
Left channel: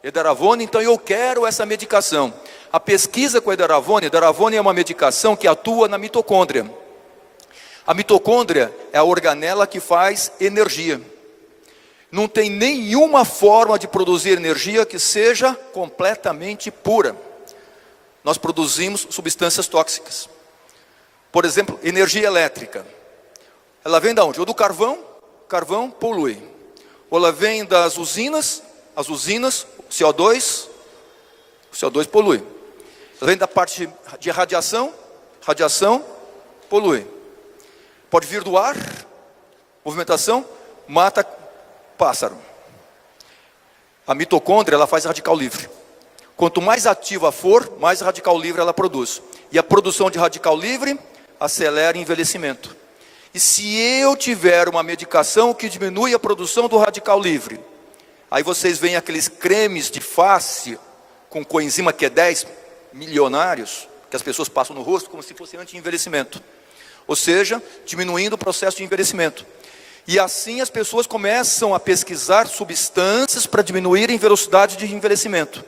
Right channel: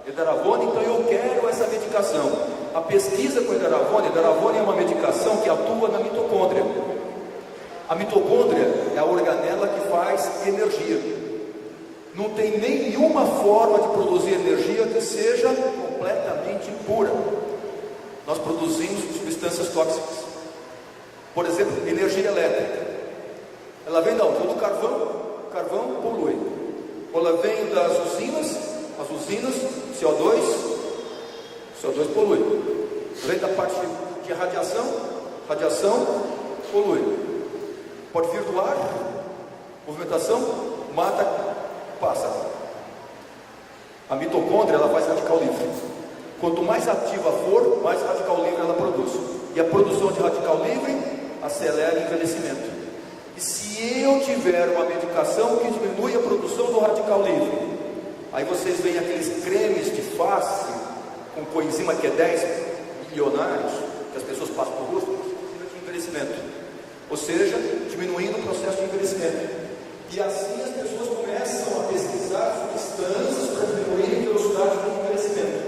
Edaravone, então eu quero essa medicação. A pesquisa com edaravone é uma medicação que atua na mitocôndria. A mitocôndria é a organela que faz energia. Não tem nenhuma forma de produzir energia que seja completamente pura. Nós produzimos substâncias tóxicas. Por exemplo, energia elétrica. Ela vem de onde? Ou do carvão, carvão polui. Ou ela vem das usinas, as usinas, CO2 polui. Ela vem da parte de radiação, radiação polui. Pode vir do ar, movimentação, mata pássaro. A mitocôndria, ela faz radical livre. Quanto mais ativa for, mais radical livre ela produz. E a produção de radical livre acelera o envelhecimento. E se eu tiver uma medicação que diminui a produção do radical livre, aí vocês veem aqueles cremes de face com coenzima Q10 milionários, que as pessoas passam no rosto como se fosse anti-envelhecimento. Ou seja, diminuindo o processo de envelhecimento. E assim as pessoas começam a pesquisar substâncias para diminuírem a velocidade de envelhecimento.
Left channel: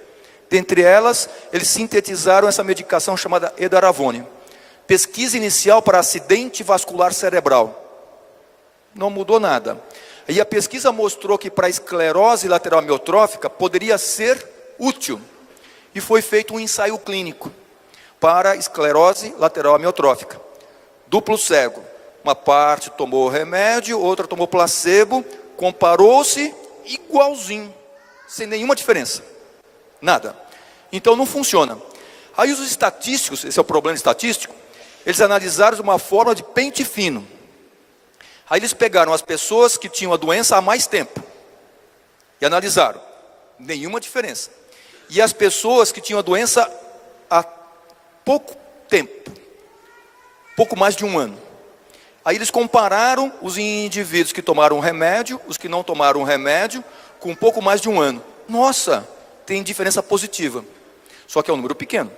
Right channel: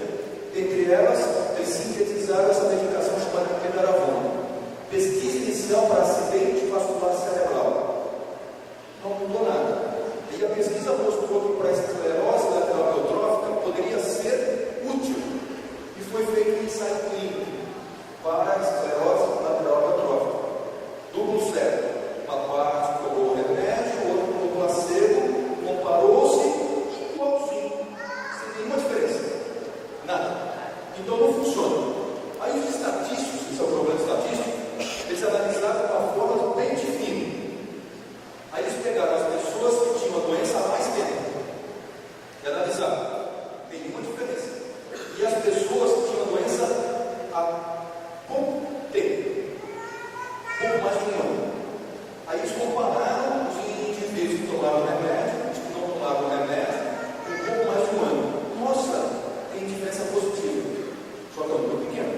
Dentre elas, eles sintetizaram essa medicação chamada edaravone. Pesquisa inicial para acidente vascular cerebral. Não mudou nada. E a pesquisa mostrou que para a esclerose lateral amiotrófica poderia ser útil. E foi feito um ensaio clínico para a esclerose lateral amiotrófica. Duplo cego, uma parte tomou remédio, outra tomou placebo, comparou-se igualzinho, sem nenhuma diferença, nada. Então não funciona. Aí os estatísticos, esse é o problema estatístico, eles analisaram de uma forma de pente fino. Aí eles pegaram as pessoas que tinham a doença há mais tempo e analisaram, nenhuma diferença. E as pessoas que tinham a doença há pouco tempo, pouco mais de um ano. Aí eles compararam os indivíduos que tomaram remédio, os que não tomaram remédio, com um pouco mais de um ano. Nossa, tem diferença positiva, só que é um número pequeno.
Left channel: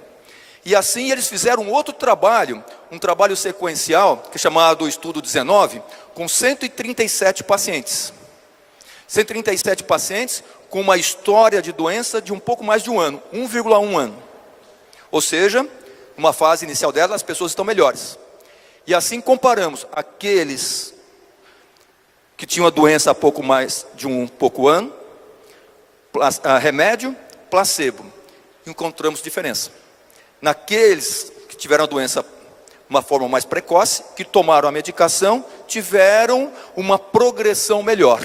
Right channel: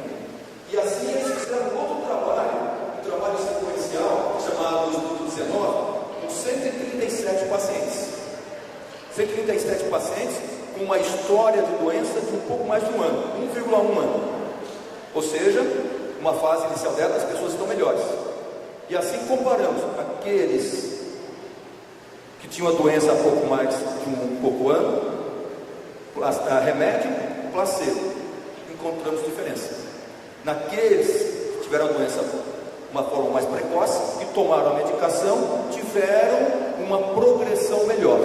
E assim eles fizeram um outro trabalho, um trabalho sequencial, que é chamado Estudo 19, com 137 pacientes. 137 pacientes com uma história de doença de um pouco mais de um ano, 1,1 ano. Ou seja, uma fase inicial dela, as pessoas estão melhores. E assim comparamos aqueles que tinham a doença há pouco mais de um pouco ano, remédio, placebo. Encontramos diferença. Naqueles que tiveram a doença de uma forma mais precoce, que tomaram a medicação, tiveram uma progressão melhor.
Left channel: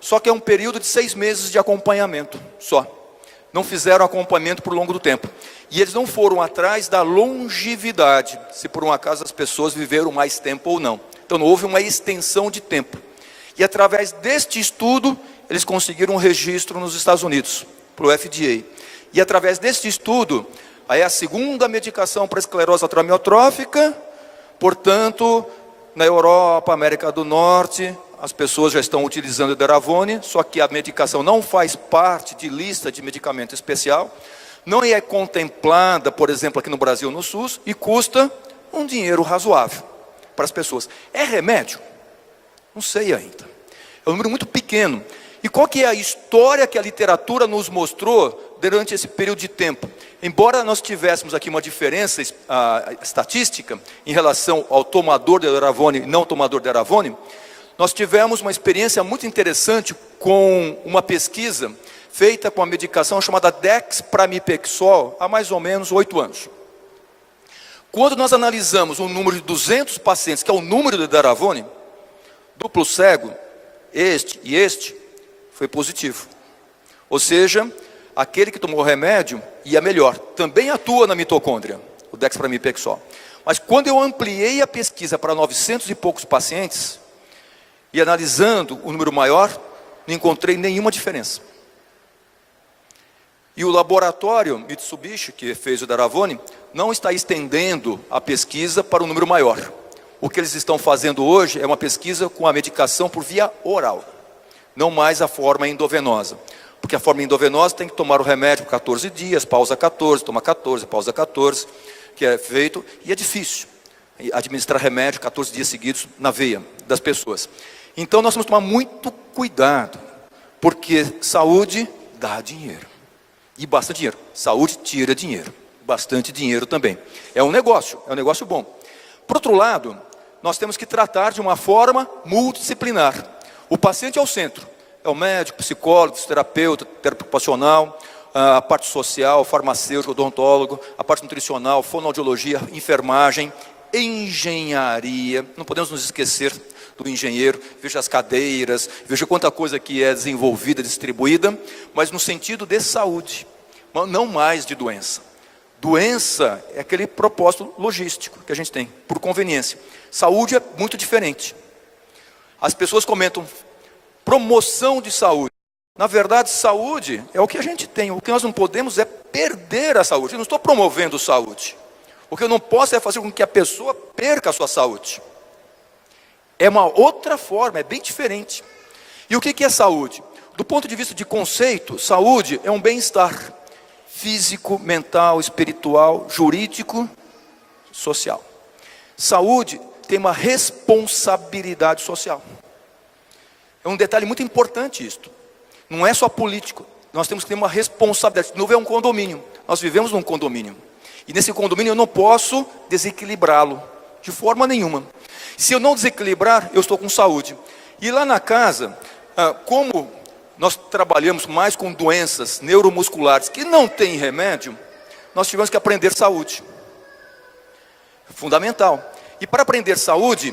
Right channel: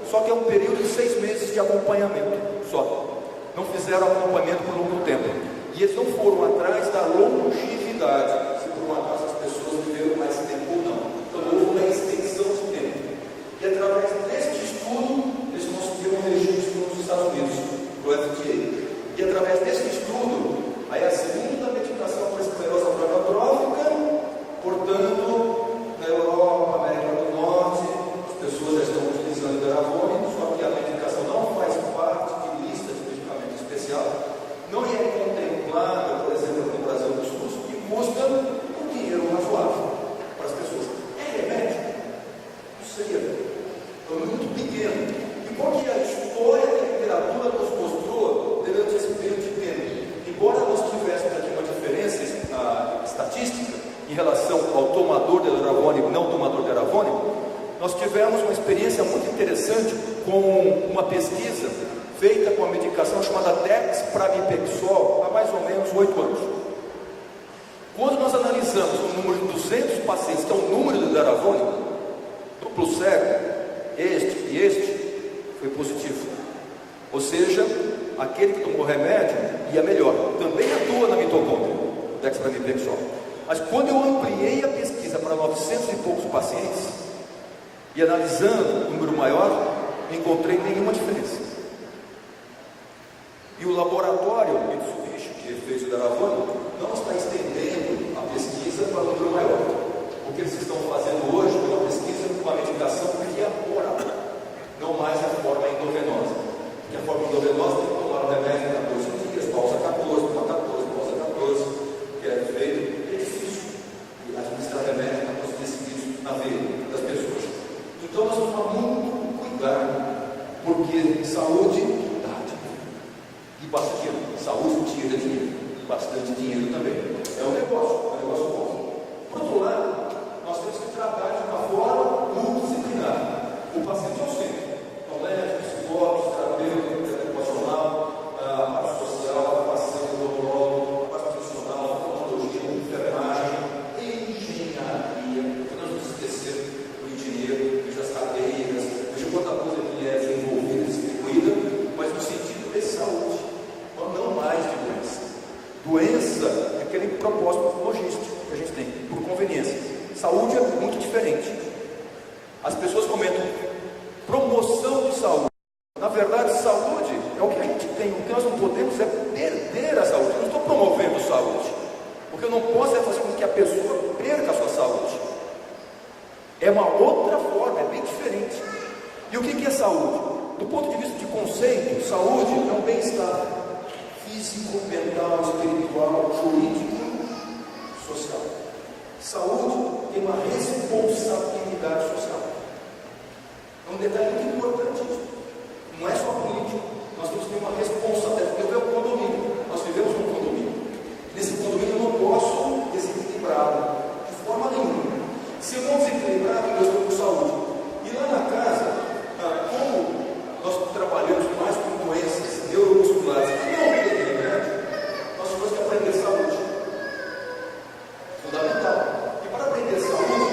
Só que é um período de 6 meses de acompanhamento só. Não fizeram acompanhamento por longo do tempo. E eles não foram atrás da longevidade, se por um acaso as pessoas viveram mais tempo ou não. Então não houve uma extensão de tempo. E através deste estudo, eles conseguiram um registro nos Estados Unidos, para o FDA. E através deste estudo, aí é a segunda medicação para esclerose lateral amiotrófica. Portanto, na Europa, América do Norte, as pessoas já estão utilizando o edaravone, só que a medicação não faz parte de lista de medicamento especial. Não é contemplada, por exemplo, aqui no Brasil, no SUS, e custa um dinheiro razoável para as pessoas. É remédio? Não sei ainda. É um número muito pequeno. E qual que é a história que a literatura nos mostrou durante esse período de tempo? Embora nós tivéssemos aqui uma diferença estatística em relação ao tomador de edaravone e não tomador de edaravone, nós tivemos uma experiência muito interessante com uma pesquisa feita com a medicação chamada dexpramipexol há mais ou menos 8 anos. Quando nós analisamos um número de 200 pacientes, que é o número do edaravone, duplo cego, este e este, foi positivo. Ou seja, aquele que tomou o remédio ia melhor. Também atua na mitocôndria, o dexpramipexol. Mas quando eu ampliei a pesquisa para 900 e poucos pacientes, e analisando o número maior, não encontrei nenhuma diferença. E o laboratório Mitsubishi, que fez o Daravone, não está estendendo a pesquisa para um número maior. O que eles estão fazendo hoje é uma pesquisa com a medicação por via oral, não mais a forma endovenosa. Porque a forma endovenosa tem que tomar o remédio por 14 dias, pausa 14, toma 14, pausa 14, que é feito, e é difícil administrar remédio 14 dias seguidos na veia das pessoas. Então nós temos que tomar muito cuidado, porque saúde dá dinheiro, e bastante dinheiro. Saúde tira dinheiro, bastante dinheiro também. É um negócio bom. Por outro lado, nós temos que tratar de uma forma multidisciplinar. O paciente é o centro, é o médico, psicólogo, fisioterapeuta, terapeuta ocupacional, a parte social, farmacêutico, odontólogo, a parte nutricional, fonoaudiologia, enfermagem, engenharia. Não podemos nos esquecer do engenheiro. Veja as cadeiras, veja quanta coisa que é desenvolvida, distribuída, mas no sentido de saúde, não mais de doença. Doença é aquele propósito logístico que a gente tem, por conveniência. Saúde é muito diferente. As pessoas comentam promoção de saúde. Na verdade, saúde é o que a gente tem. O que nós não podemos é perder a saúde. Eu não estou promovendo saúde. O que eu não posso é fazer com que a pessoa perca a sua saúde. É uma outra forma, é bem diferente. E o que é saúde? Do ponto de vista de conceito, saúde é um bem-estar físico, mental, espiritual, jurídico, social. Saúde tem uma responsabilidade social. É um detalhe muito importante isto. Não é só político. Nós temos que ter uma responsabilidade. Não é um condomínio. Nós vivemos num condomínio. E nesse condomínio eu não posso desequilibrá-lo de forma nenhuma. Se eu não desequilibrar, eu estou com saúde. E lá na casa, como nós trabalhamos mais com doenças neuromusculares que não têm remédio, nós tivemos que aprender saúde. Fundamental. E para aprender saúde,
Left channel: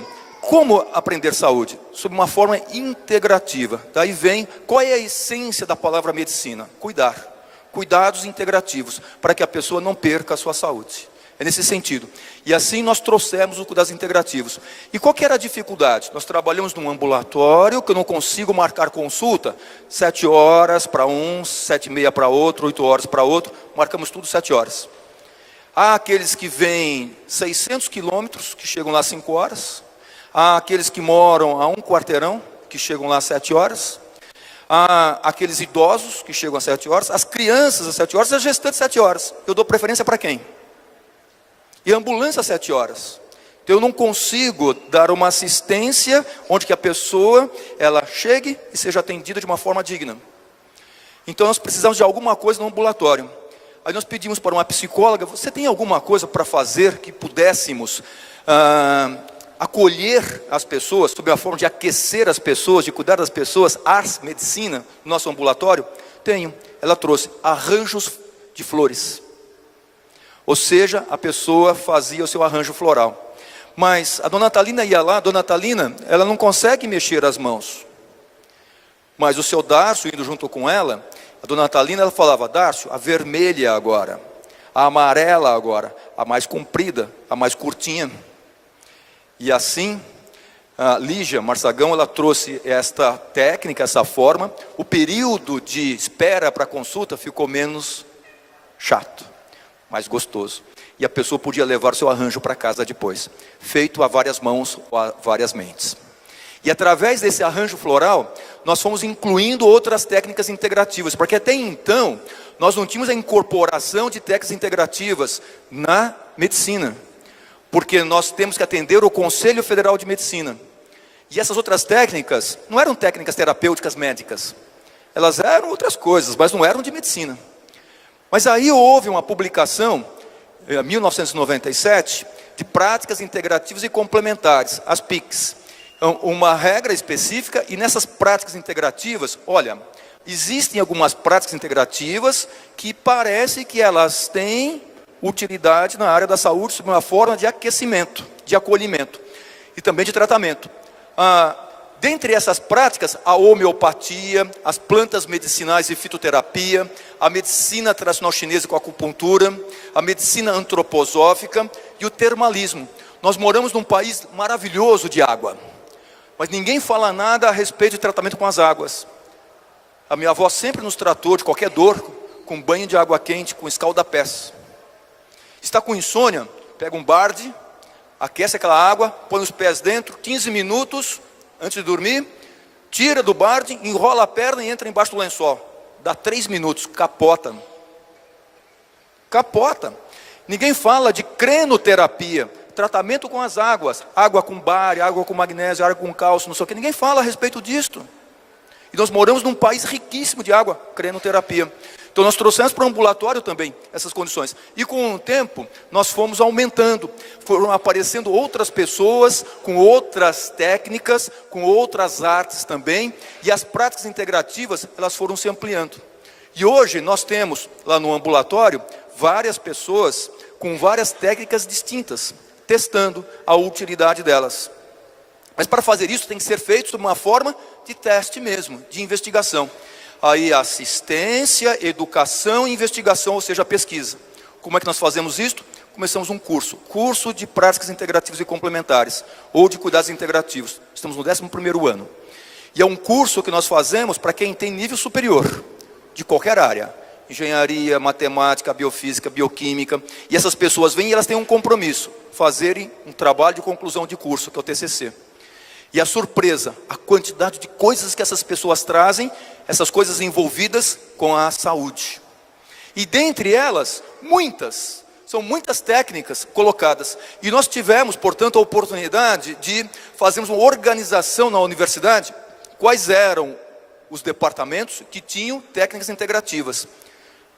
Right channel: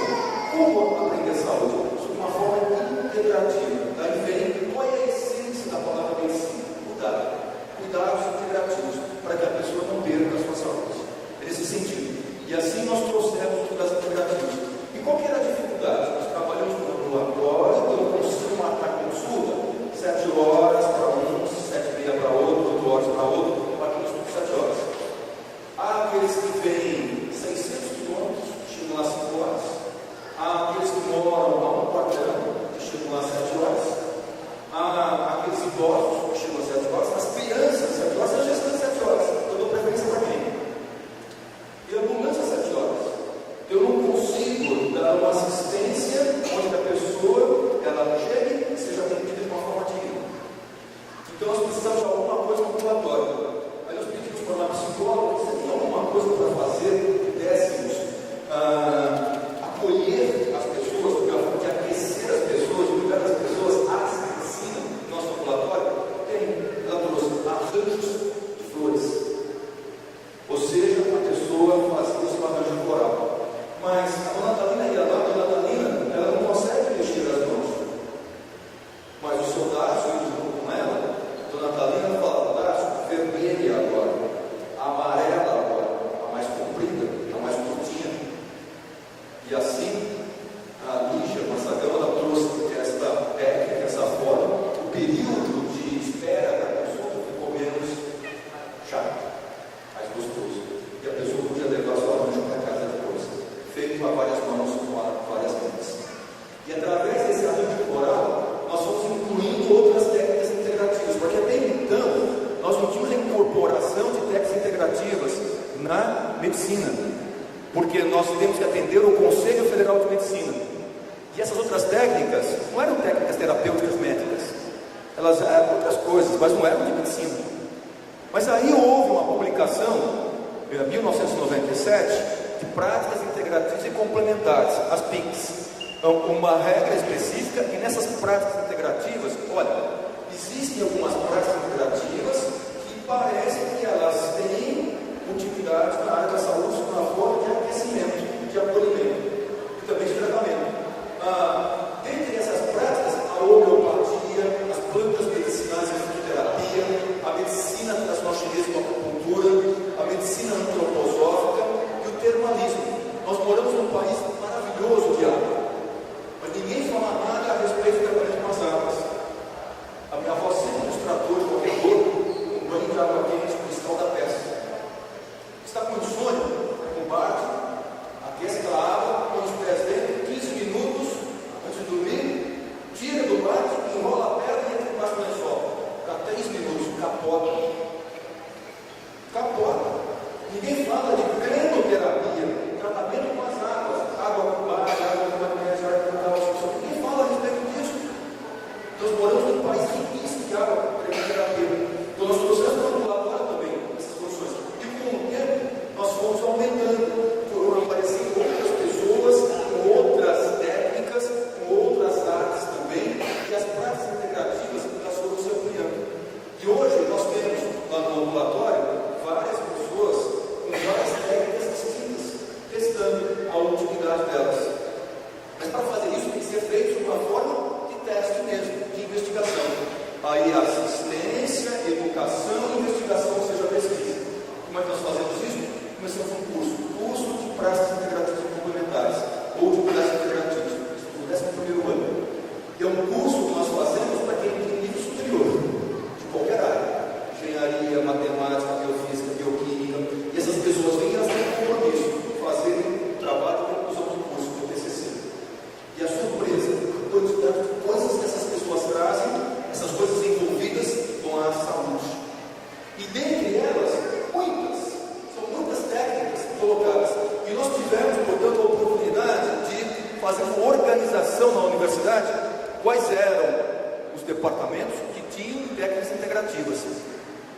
como aprender saúde? Sob uma forma integrativa. Daí vem, qual é a essência da palavra medicina? Cuidar. Cuidados integrativos, para que a pessoa não perca a sua saúde. É nesse sentido. E assim nós trouxemos os cuidados integrativos. E qual que era a dificuldade? Nós trabalhamos num ambulatório, que eu não consigo marcar consulta, 7 horas para um, 7h30 para outro, 8 horas para outro, marcamos tudo 7 horas. Há aqueles que vêm 600 quilômetros, que chegam lá 5 horas. Há aqueles que moram a um quarteirão, que chegam lá 7 horas. Há aqueles idosos que chegam às 7 horas. As crianças às 7 horas, as gestantes às 7 horas. Eu dou preferência para quem? E a ambulância às 7 horas. Então eu não consigo dar uma assistência onde que a pessoa ela chegue e seja atendida de uma forma digna. Então nós precisamos de alguma coisa no ambulatório. Aí nós pedimos para uma psicóloga: você tem alguma coisa para fazer que pudéssemos acolher as pessoas, sob a forma de aquecer as pessoas, de cuidar das pessoas, ars medicina, no nosso ambulatório? Tenho. Ela trouxe arranjos de flores. Ou seja, a pessoa fazia o seu arranjo floral. Mas a dona Natalina ia lá, a dona Natalina, ela não consegue mexer as mãos. Mas o seu Darcio, indo junto com ela, a dona Natalina, ela falava: Darcio, a vermelha agora, a amarela agora, a mais comprida, a mais curtinha. E assim, a Lígia Marçagão, ela trouxe esta técnica, essa forma. O período de espera para consulta ficou menos chato, mais gostoso. E a pessoa podia levar o seu arranjo para casa depois, feito a várias mãos ou a várias mentes. E através desse arranjo floral, nós fomos incluindo outras técnicas integrativas, porque até então, nós não tínhamos a incorporação de técnicas integrativas na medicina, porque nós temos que atender o Conselho Federal de Medicina. E essas outras técnicas não eram técnicas terapêuticas médicas, elas eram outras coisas, mas não eram de medicina. Mas aí houve uma publicação, em 1997, de práticas integrativas e complementares, as PICs. Então, uma regra específica, e nessas práticas integrativas, olha, existem algumas práticas integrativas que parecem que elas têm utilidade na área da saúde, sob uma forma de aquecimento, de acolhimento e também de tratamento. Dentre essas práticas, a homeopatia, as plantas medicinais e fitoterapia, a medicina tradicional chinesa com acupuntura, a medicina antroposófica e o termalismo. Nós moramos num país maravilhoso de água, mas ninguém fala nada a respeito de tratamento com as águas. A minha avó sempre nos tratou de qualquer dor com banho de água quente, com escalda-pés. Está com insônia? Pega um balde, aquece aquela água, põe os pés dentro, 15 minutos antes de dormir, tira do balde, enrola a perna e entra embaixo do lençol. Dá 3 minutos, capota. Capota. Ninguém fala de crenoterapia, tratamento com as águas, água com bário, água com magnésio, água com cálcio, não sei o que. Ninguém fala a respeito disto. E nós moramos num país riquíssimo de água, crenoterapia. Então nós trouxemos para o ambulatório também essas condições. E com o tempo nós fomos aumentando. Foram aparecendo outras pessoas com outras técnicas, com outras artes também. E as práticas integrativas, elas foram se ampliando. E hoje nós temos lá no ambulatório várias pessoas com várias técnicas distintas, testando a utilidade delas. Mas para fazer isso tem que ser feito de uma forma de teste mesmo, de investigação. Aí assistência, educação e investigação, ou seja, pesquisa. Como é que nós fazemos isso? Começamos um curso de práticas integrativas e complementares, ou de cuidados integrativos. Estamos no 11º ano. E é um curso que nós fazemos para quem tem nível superior, de qualquer área. Engenharia, matemática, biofísica, bioquímica. E essas pessoas vêm e elas têm um compromisso, fazerem um trabalho de conclusão de curso, que é o TCC. E a surpresa, a quantidade de coisas que essas pessoas trazem, essas coisas envolvidas com a saúde. E dentre elas, são muitas técnicas colocadas. E nós tivemos, portanto, a oportunidade de fazermos uma organização na universidade, quais eram os departamentos que tinham técnicas integrativas.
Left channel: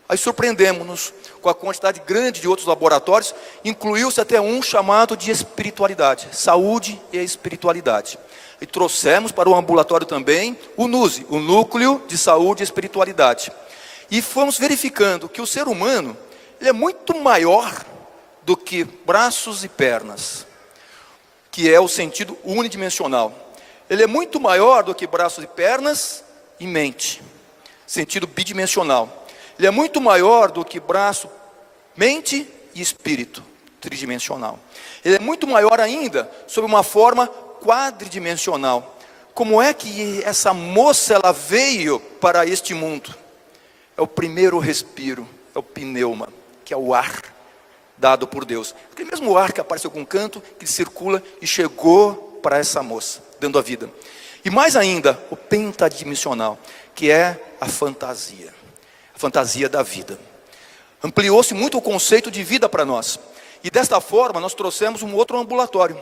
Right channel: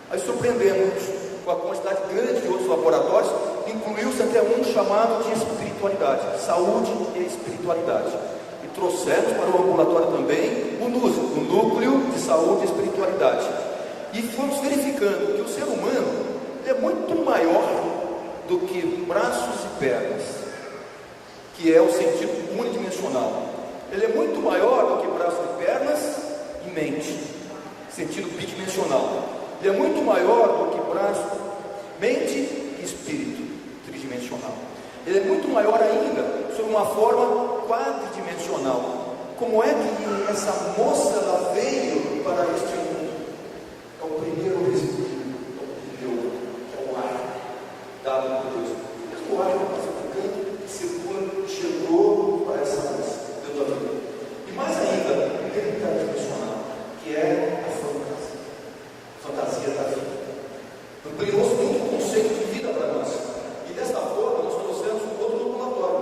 Aí surpreendemos-nos com a quantidade grande de outros laboratórios, incluiu-se até um chamado de espiritualidade, saúde e espiritualidade. E trouxemos para o ambulatório também o NUSE, o Núcleo de Saúde e Espiritualidade. E fomos verificando que o ser humano, ele é muito maior do que braços e pernas, que é o sentido unidimensional. Ele é muito maior do que braços e pernas e mente, sentido bidimensional. Ele é muito maior do que braço, mente e espírito, tridimensional. Ele é muito maior ainda sob uma forma quadridimensional. Como é que essa moça ela veio para este mundo? É o primeiro respiro, é o pneuma, que é o ar dado por Deus. O mesmo ar que apareceu com canto, que circula e chegou para essa moça, dando a vida. E mais ainda, o pentadimensional, que é a fantasia. Fantasia da vida. Ampliou-se muito o conceito de vida para nós. E desta forma nós trouxemos um outro ambulatório,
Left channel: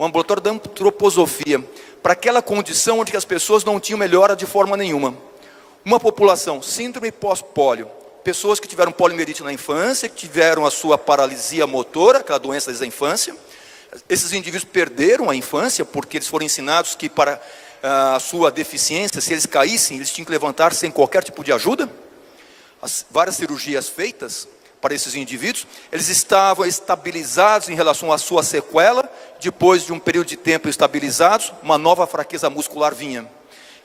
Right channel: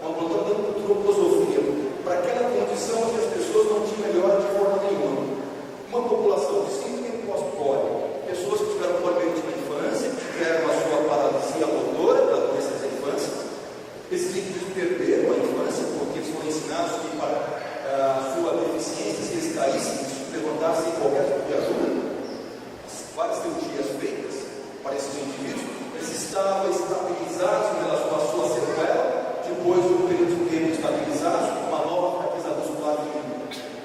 um ambulatório da antroposofia, para aquela condição onde as pessoas não tinham melhora de forma nenhuma. Uma população, síndrome pós-pólio, pessoas que tiveram poliomielite na infância, que tiveram a sua paralisia motora, aquela doença da infância. Esses indivíduos perderam a infância, porque eles foram ensinados que para a sua deficiência, se eles caíssem, eles tinham que levantar sem qualquer tipo de ajuda. As várias cirurgias feitas para esses indivíduos, eles estavam estabilizados em relação à sua sequela. Depois de um período de tempo estabilizados, uma nova fraqueza muscular vinha.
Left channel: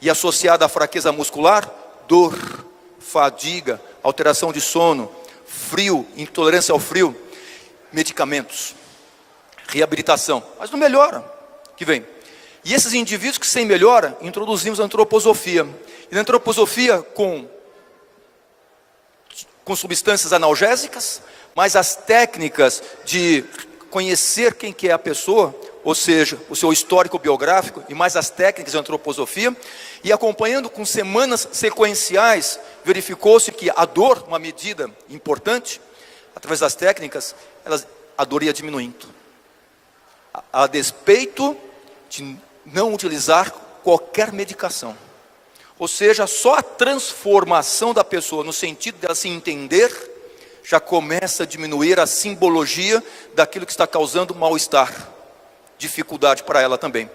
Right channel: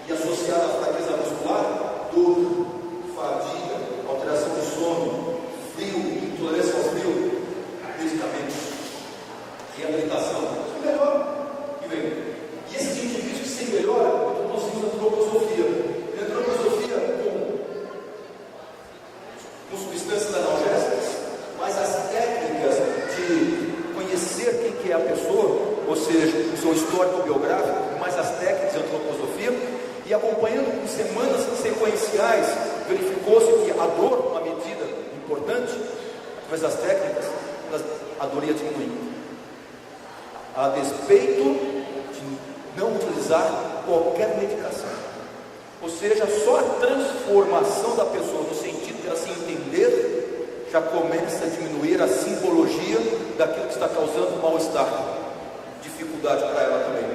E associada à fraqueza muscular, dor, fadiga, alteração de sono, frio, intolerância ao frio, medicamentos, reabilitação. Mas não melhora, que vem. E esses indivíduos que sem melhora, introduzimos a antroposofia. E na antroposofia com substâncias analgésicas, mas as técnicas de conhecer quem que é a pessoa, ou seja, o seu histórico biográfico, e mais as técnicas de antroposofia, e acompanhando com semanas sequenciais, verificou-se que a dor, uma medida importante, através das técnicas, a dor ia diminuindo, a despeito de não utilizar qualquer medicação. Ou seja, só a transformação da pessoa, no sentido dela se entender, já começa a diminuir a simbologia daquilo que está causando mal-estar, dificuldade para ela também.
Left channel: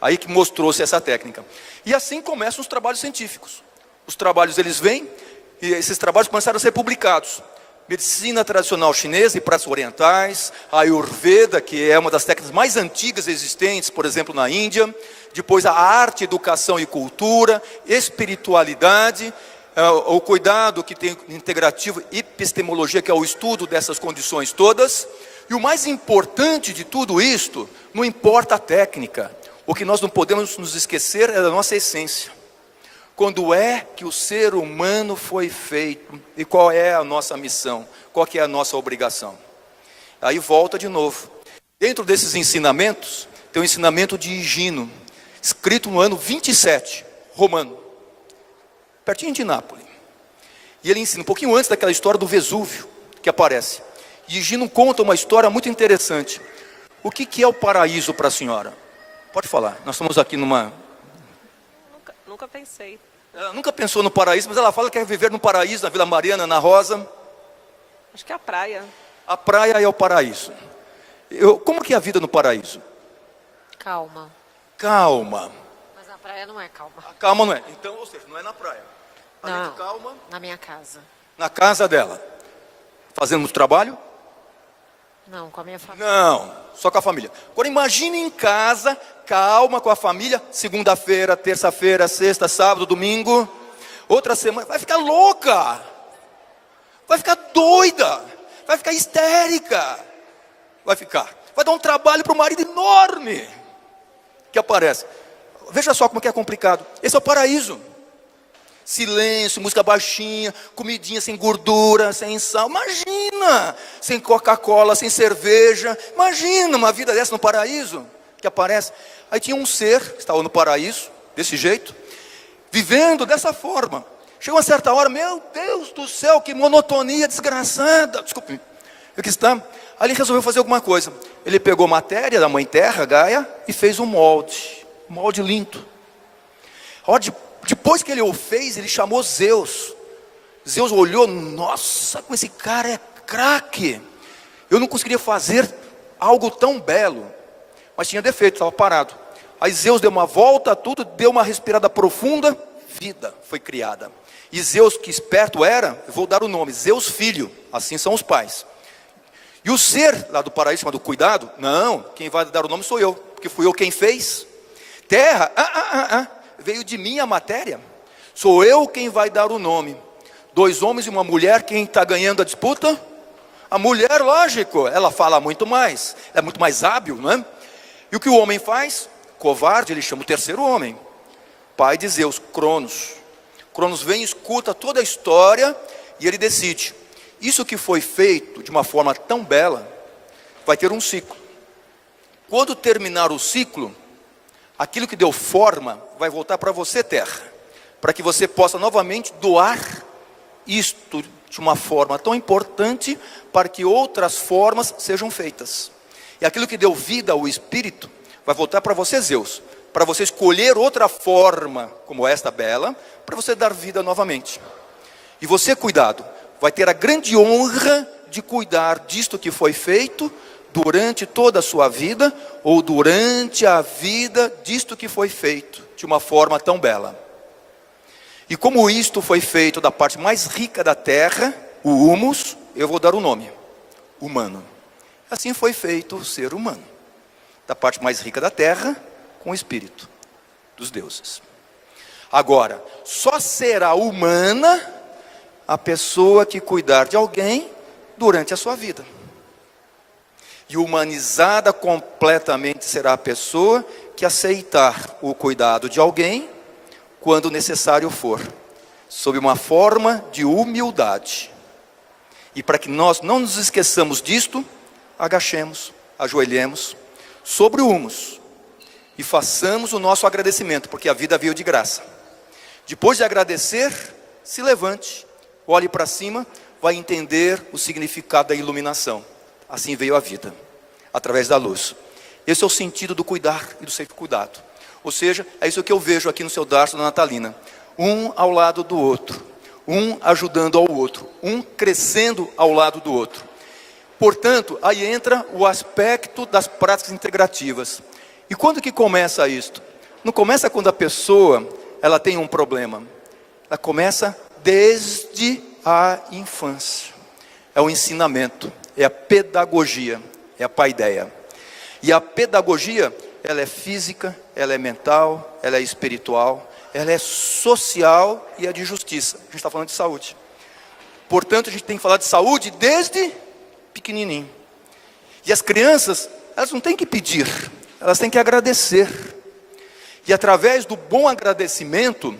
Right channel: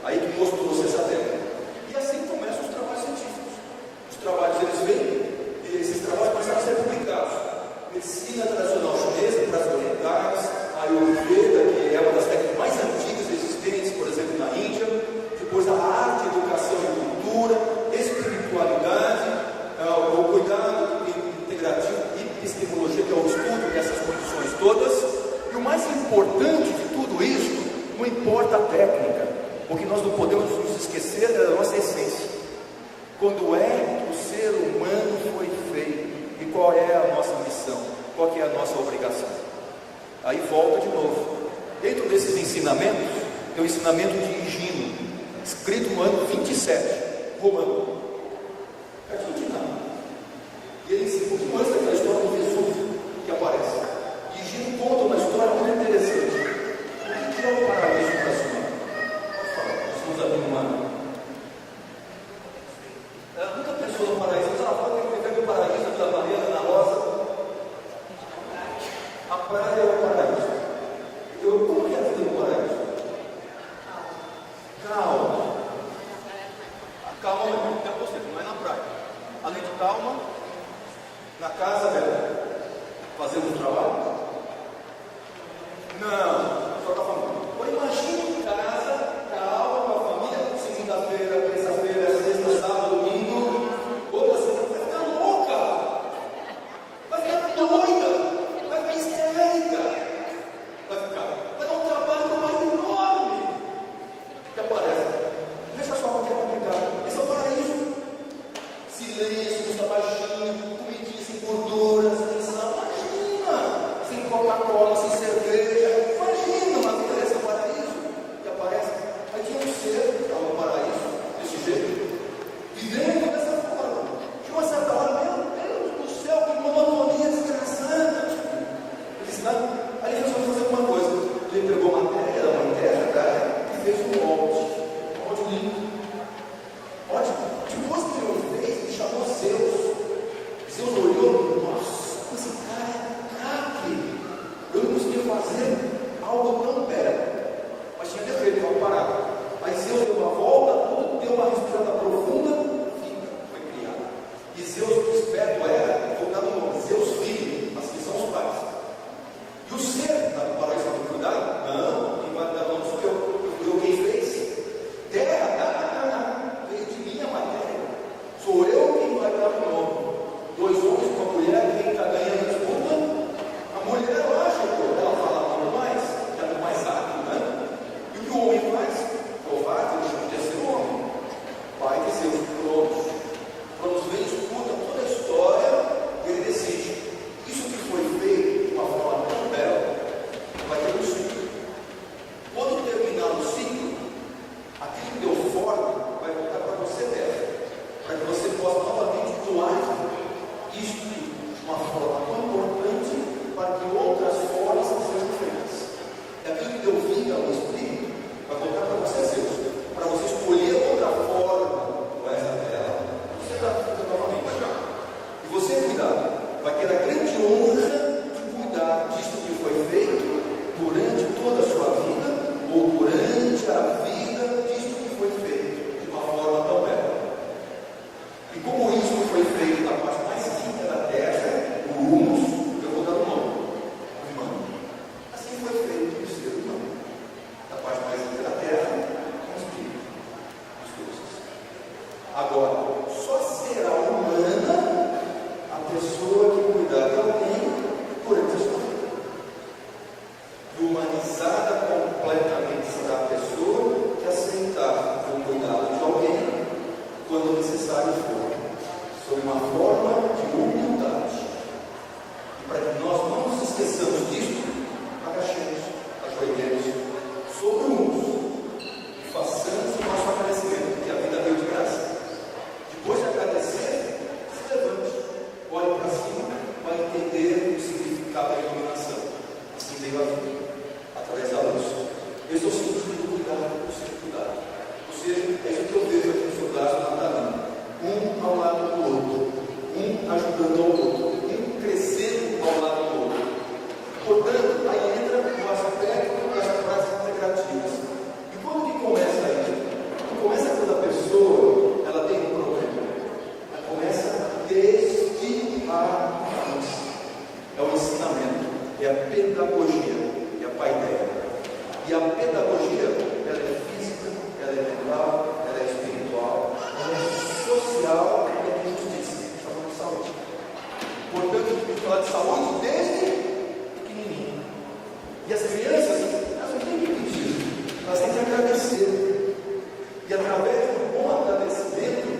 Aí que mostrou-se essa técnica. E assim começam os trabalhos científicos. Os trabalhos eles vêm, e esses trabalhos começaram a ser publicados. Medicina tradicional chinesa e práticas orientais, a Ayurveda, que é uma das técnicas mais antigas existentes, por exemplo, na Índia, depois a arte, educação e cultura, espiritualidade, o cuidado que tem integrativo, epistemologia, que é o estudo dessas condições todas, e o mais importante de tudo isto, não importa a técnica, o que nós não podemos nos esquecer é da nossa essência. Quando é que o ser humano foi feito e qual é a nossa missão, qual que é a nossa obrigação? Aí volta de novo, dentro desses ensinamentos, tem o ensinamento de Higino, escrito no ano 27, romano, pertinho de Nápoles, e ele ensina um pouquinho antes daquela história do Vesúvio que aparece, e Higino conta uma história muito interessante. O que é o paraíso para a senhora? Pode falar, nós estamos aqui numa... Nunca pensei. Ela nunca pensou no paraíso, mas ela fala que quer viver no paraíso, na Vila Mariana, na Rosa. Acho que é a praia. A praia é o paraíso. Como que é a vida no paraíso? Calma. Calma. Mas na praia não é calma. Calma não é. Então, ou seja, não é na praia. Além de Não, calma, na minha casa. na casa dela. Fazendo muito trabalho? Não, com a minha família. Não, só com a família. Agora imagine em casa, calma com a família, segunda-feira, terça-feira, sexta, sábado, domingo, outra semana, vai ficar louca, vai ficar doida, vai ficar histérica, vai dar um trabalho para o marido enorme que aparece. Veja só como que é complicado. Esse é o paraíso. Silêncio, música baixinha, comidinha sem gordura, sem sal. Imagina, sem Coca-Cola, sem cerveja. Imagina uma vida dessa no paraíso que aparece. Aí tinha um ser que estava no paraíso desse jeito, vivendo dessa forma. Chegou uma certa hora, meu Deus do céu, que monotonia desgraçada. Desculpe, aqui está. Aí ele resolveu fazer alguma coisa. Ele pegou matéria da mãe terra, Gaia, e fez um molde lindo. Depois que ele o fez, ele chamou Zeus. Zeus olhou, nossa, como esse cara é craque. Eu não conseguiria fazer algo tão belo, mas tinha defeito, estava parado. Aí Zeus deu uma volta a tudo, deu uma respirada profunda, vida foi criada. E Zeus, que esperto era, vou dar o nome, Zeus filho, assim são os pais. E o ser lá do paraíso chamado cuidado, não, quem vai dar o nome sou eu, porque fui eu quem fez. Terra, veio de mim a matéria, sou eu quem vai dar o nome. 2 homens e uma mulher, quem está ganhando a disputa? A mulher, lógico, ela fala muito mais, é muito mais hábil, não é? E o que o homem faz? Covarde, ele chama o terceiro homem, pai de Zeus, Cronos. Cronos vem, escuta toda a história e ele decide, isso que foi feito de uma forma tão bela, vai ter um ciclo. Quando terminar o ciclo, aquilo que deu forma vai voltar para você, terra, para que você possa novamente doar isto de uma forma tão importante, para que outras formas sejam feitas. E aquilo que deu vida ao espírito vai voltar para você, Zeus, para você escolher outra forma como esta bela, para você dar vida novamente. E você, cuidado, vai ter a grande honra de cuidar disto que foi feito durante toda a sua vida, ou durante a vida disto que foi feito de uma forma tão bela. E como isto foi feito da parte mais rica da terra, o humus, eu vou dar o nome, humano. Assim foi feito o ser humano, da parte mais rica da terra, com o espírito dos deuses. Agora, só será humana a pessoa que cuidar de alguém durante a sua vida. E humanizada completamente será a pessoa que aceitar o cuidado de alguém quando necessário for, sob uma forma de humildade. E para que nós não nos esqueçamos disto, agachemos, ajoelhemos sobre o humus e façamos o nosso agradecimento, porque a vida veio de graça. Depois de agradecer, se levante, olhe para cima, vai entender o significado da iluminação. Assim veio a vida, através da luz. Esse é o sentido do cuidar e do ser cuidado. Ou seja, é isso que eu vejo aqui no seu dardo da Natalina. Um ao lado do outro, um ajudando ao outro, um crescendo ao lado do outro. Portanto, aí entra o aspecto das práticas integrativas. E quando que começa isto? Não começa quando a pessoa ela tem um problema. Ela começa desde a infância. É o ensinamento, é a pedagogia, é a paideia. E a pedagogia, ela é física, ela é mental, ela é espiritual, ela é social e é de justiça. A gente está falando de saúde. Portanto, a gente tem que falar de saúde desde pequenininho. E as crianças, elas não têm que pedir, elas têm que agradecer. E através do bom agradecimento,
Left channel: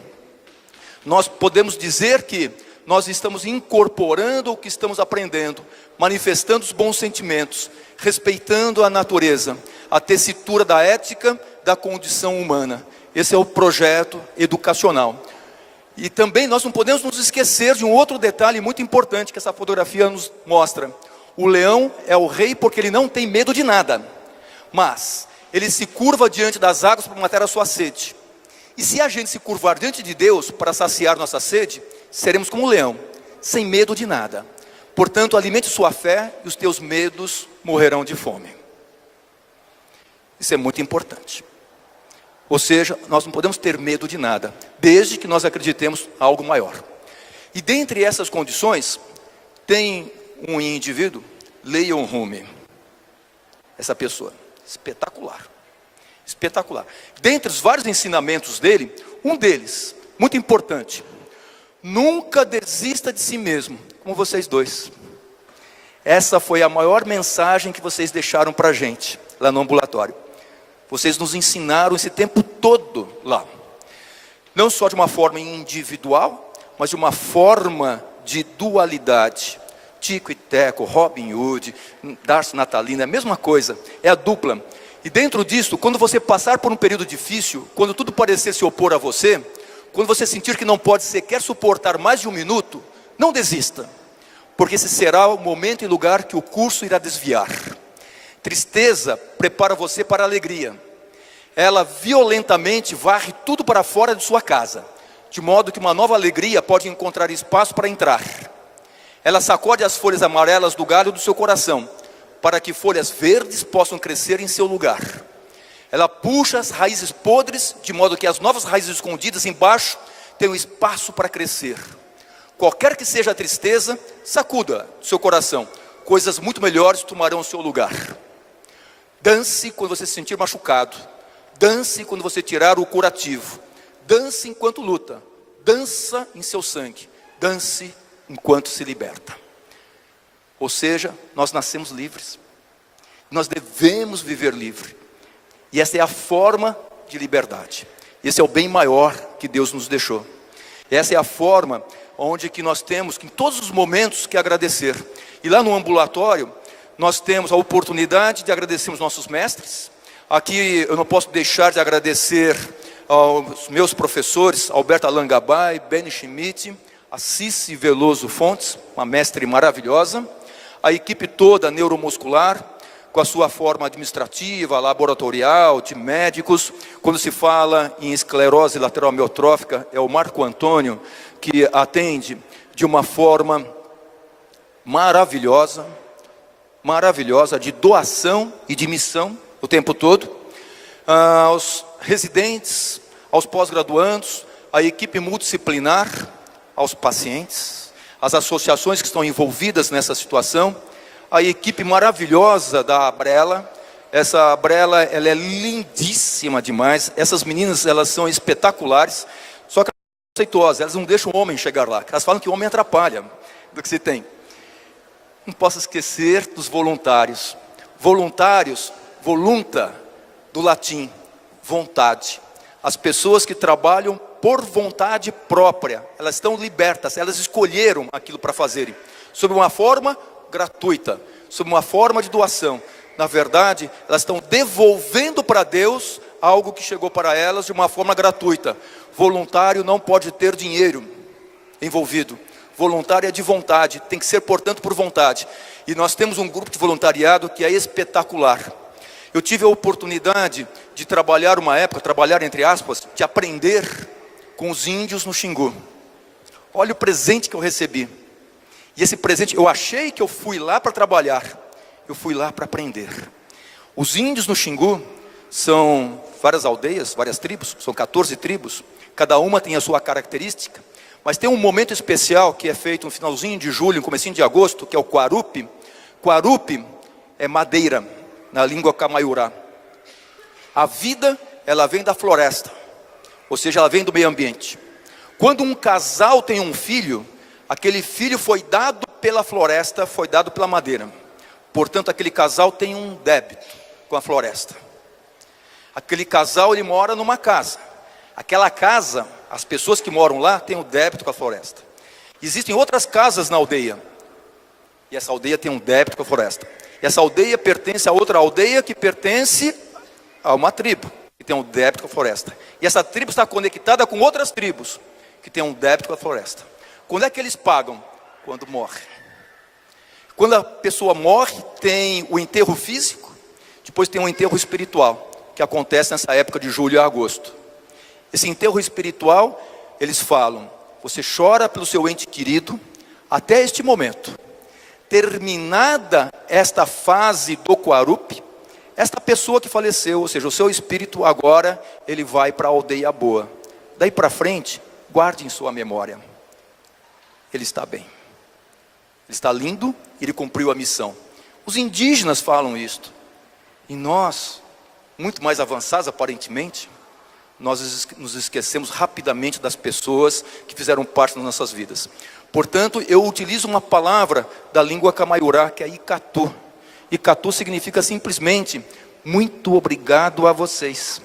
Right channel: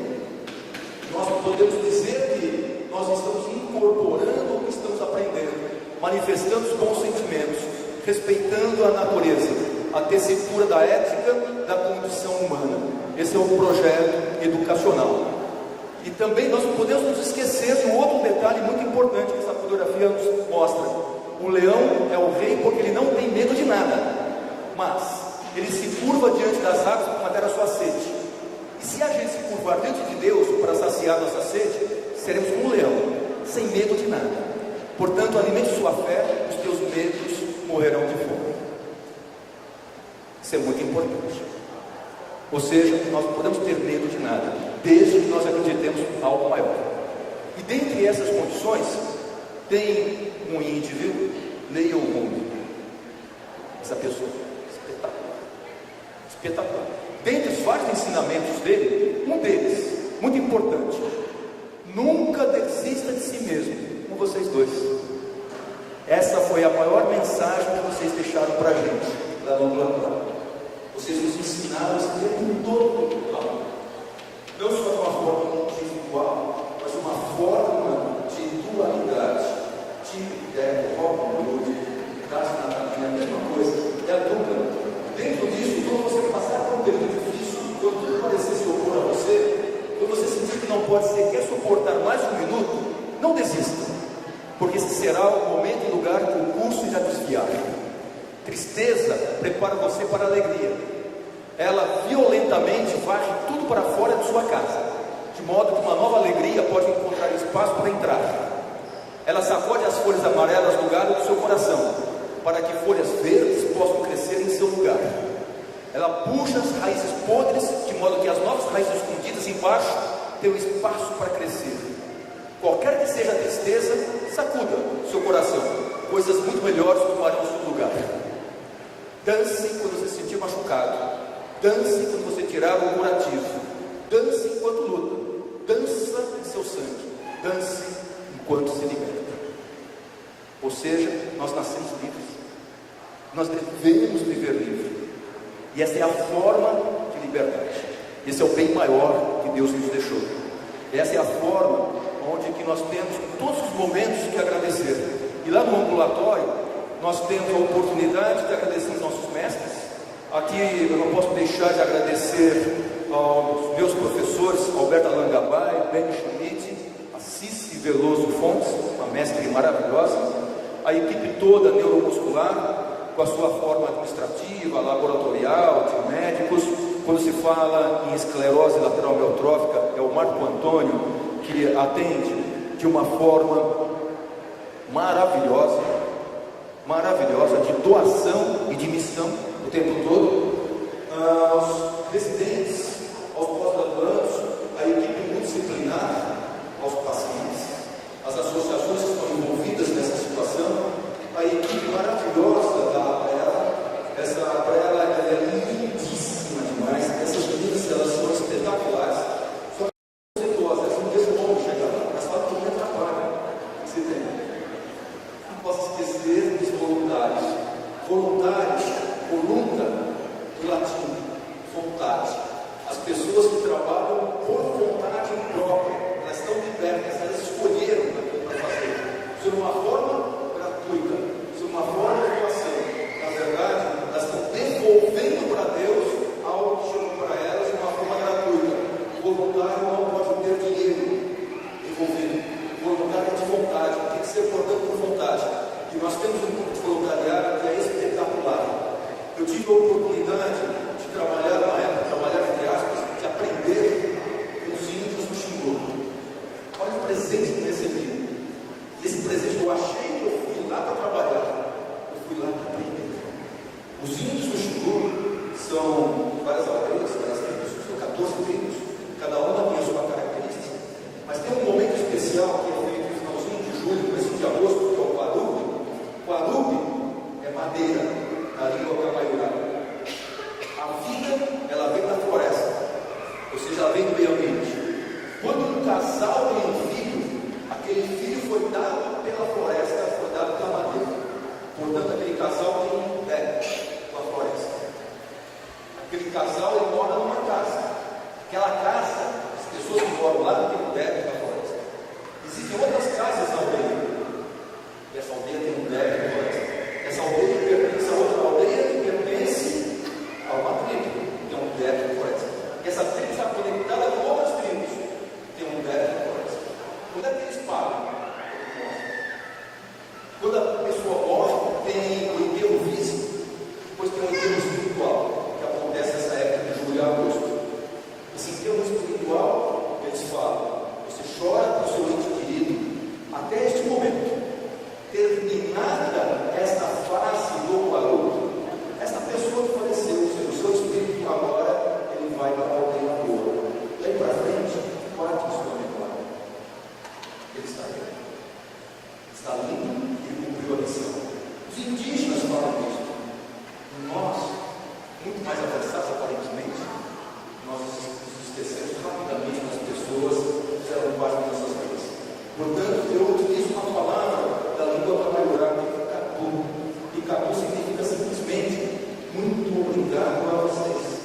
nós podemos dizer que nós estamos incorporando o que estamos aprendendo, manifestando os bons sentimentos, respeitando a natureza, a tessitura da ética da condição humana. Esse é o projeto educacional. E também nós não podemos nos esquecer de um outro detalhe muito importante que essa fotografia nos mostra. O leão é o rei porque ele não tem medo de nada, mas ele se curva diante das águas para matar a sua sede. E se a gente se curvar diante de Deus para saciar nossa sede, seremos como o leão, sem medo de nada. Portanto, alimente sua fé e os teus medos morrerão de fome. Isso é muito importante. Ou seja, nós não podemos ter medo de nada, desde que nós acreditemos em algo maior. E dentre essas condições, tem um indivíduo, Leon Rumi. Essa pessoa, espetacular. Espetacular. Dentre os vários ensinamentos dele, um deles, muito importante: nunca desista de si mesmo, como vocês dois. Essa foi a maior mensagem que vocês deixaram para a gente, lá no ambulatório. Vocês nos ensinaram esse tempo todo lá, não só de uma forma individual, mas de uma forma de dualidade. Tico e Teco, Robin Hood, Darcy Natalina, é a mesma coisa, é a dupla. E dentro disso, quando você passar por um período difícil, quando tudo parecer se opor a você, quando você sentir que não pode sequer suportar mais de um minuto, não desista, porque esse será o momento e lugar que o curso irá desviar. Tristeza prepara você para a alegria. Ela violentamente varre tudo para fora de sua casa, de modo que uma nova alegria pode encontrar espaço para entrar. Ela sacode as folhas amarelas do galho do seu coração, para que folhas verdes possam crescer em seu lugar. Ela puxa as raízes podres, de modo que as novas raízes escondidas embaixo tenham espaço para crescer. Qualquer que seja a tristeza, sacuda o seu coração, coisas muito melhores tomarão o seu lugar. Dance quando você se sentir machucado, dance quando você tirar o curativo, dance enquanto luta, dança em seu sangue, dance enquanto se liberta. Ou seja, nós nascemos livres, nós devemos viver livre, e essa é a forma de liberdade. Esse é o bem maior que Deus nos deixou. Essa é a forma onde que nós temos em todos os momentos que agradecer. E lá no ambulatório nós temos a oportunidade de agradecer os nossos mestres. Aqui eu não posso deixar de agradecer aos meus professores, Alberto Alangabai, Benny Schmidt, a Cici Veloso Fontes, uma mestre maravilhosa, a equipe toda neuromuscular, com a sua forma administrativa, laboratorial, de médicos. Quando se fala em esclerose lateral amiotrófica, é o Marco Antônio que atende de uma forma maravilhosa, de doação e de missão o tempo todo. Aos residentes, aos pós-graduandos, a equipe multidisciplinar, aos pacientes, as associações que estão envolvidas nessa situação, a equipe maravilhosa da Abrela. Essa Abrela, ela é lindíssima demais. Essas meninas, elas são espetaculares, só que elas são conceituosas, elas não deixam o homem chegar lá. Elas falam que o homem atrapalha do que se tem. Não posso esquecer dos voluntários. Voluntários, volunta, do latim, vontade. As pessoas que trabalham por vontade própria, elas estão libertas, elas escolheram aquilo para fazerem, sob uma forma gratuita, sob uma forma de doação. Na verdade, elas estão devolvendo para Deus algo que chegou para elas de uma forma gratuita. Voluntário não pode ter dinheiro envolvido. Voluntário é de vontade, tem que ser, portanto, por vontade. E nós temos um grupo de voluntariado que é espetacular. Eu tive a oportunidade de trabalhar uma época, trabalhar entre aspas, de aprender com os índios no Xingu. Olha o presente que eu recebi. E esse presente, eu achei que eu fui lá para trabalhar, eu fui lá para aprender. Os índios no Xingu são várias aldeias, várias tribos, são 14 tribos, cada uma tem a sua característica, mas tem um momento especial que é feito no finalzinho de julho, comecinho de agosto, que é o Quarupi. Quarupi é madeira, na língua camaiurá. A vida, ela vem da floresta, ou seja, ela vem do meio ambiente. Quando um casal tem um filho, aquele filho foi dado pela floresta, foi dado pela madeira. Portanto, aquele casal tem um débito com a floresta. Aquele casal, ele mora numa casa. Aquela casa, as pessoas que moram lá têm um débito com a floresta. Existem outras casas na aldeia, e essa aldeia tem um débito com a floresta. E essa aldeia pertence a outra aldeia que pertence a uma tribo, que tem um débito com a floresta. E essa tribo está conectada com outras tribos, que tem um débito com a floresta. Quando é que eles pagam? Quando morre. Quando a pessoa morre, tem o enterro físico, depois tem o enterro espiritual, que acontece nessa época de julho a agosto. Esse enterro espiritual, eles falam: você chora pelo seu ente querido até este momento. Terminada esta fase do Quarup, esta pessoa que faleceu, ou seja, o seu espírito agora, ele vai para a aldeia boa. Daí para frente, guarde em sua memória: ele está bem, ele está lindo, ele cumpriu a missão. Os indígenas falam isto, e nós, muito mais avançados aparentemente, nós nos esquecemos rapidamente das pessoas que fizeram parte das nossas vidas. Portanto, eu utilizo uma palavra da língua camaiurá, que é Icatu. Icatu significa simplesmente muito obrigado a vocês,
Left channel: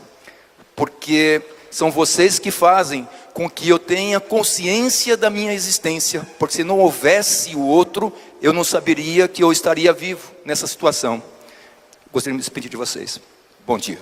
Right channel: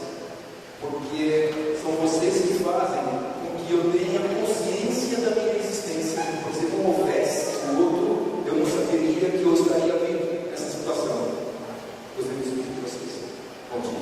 porque são vocês que fazem com que eu tenha consciência da minha existência, porque se não houvesse o outro, eu não saberia que eu estaria vivo nessa situação. Gostaria de me despedir de vocês. Bom dia.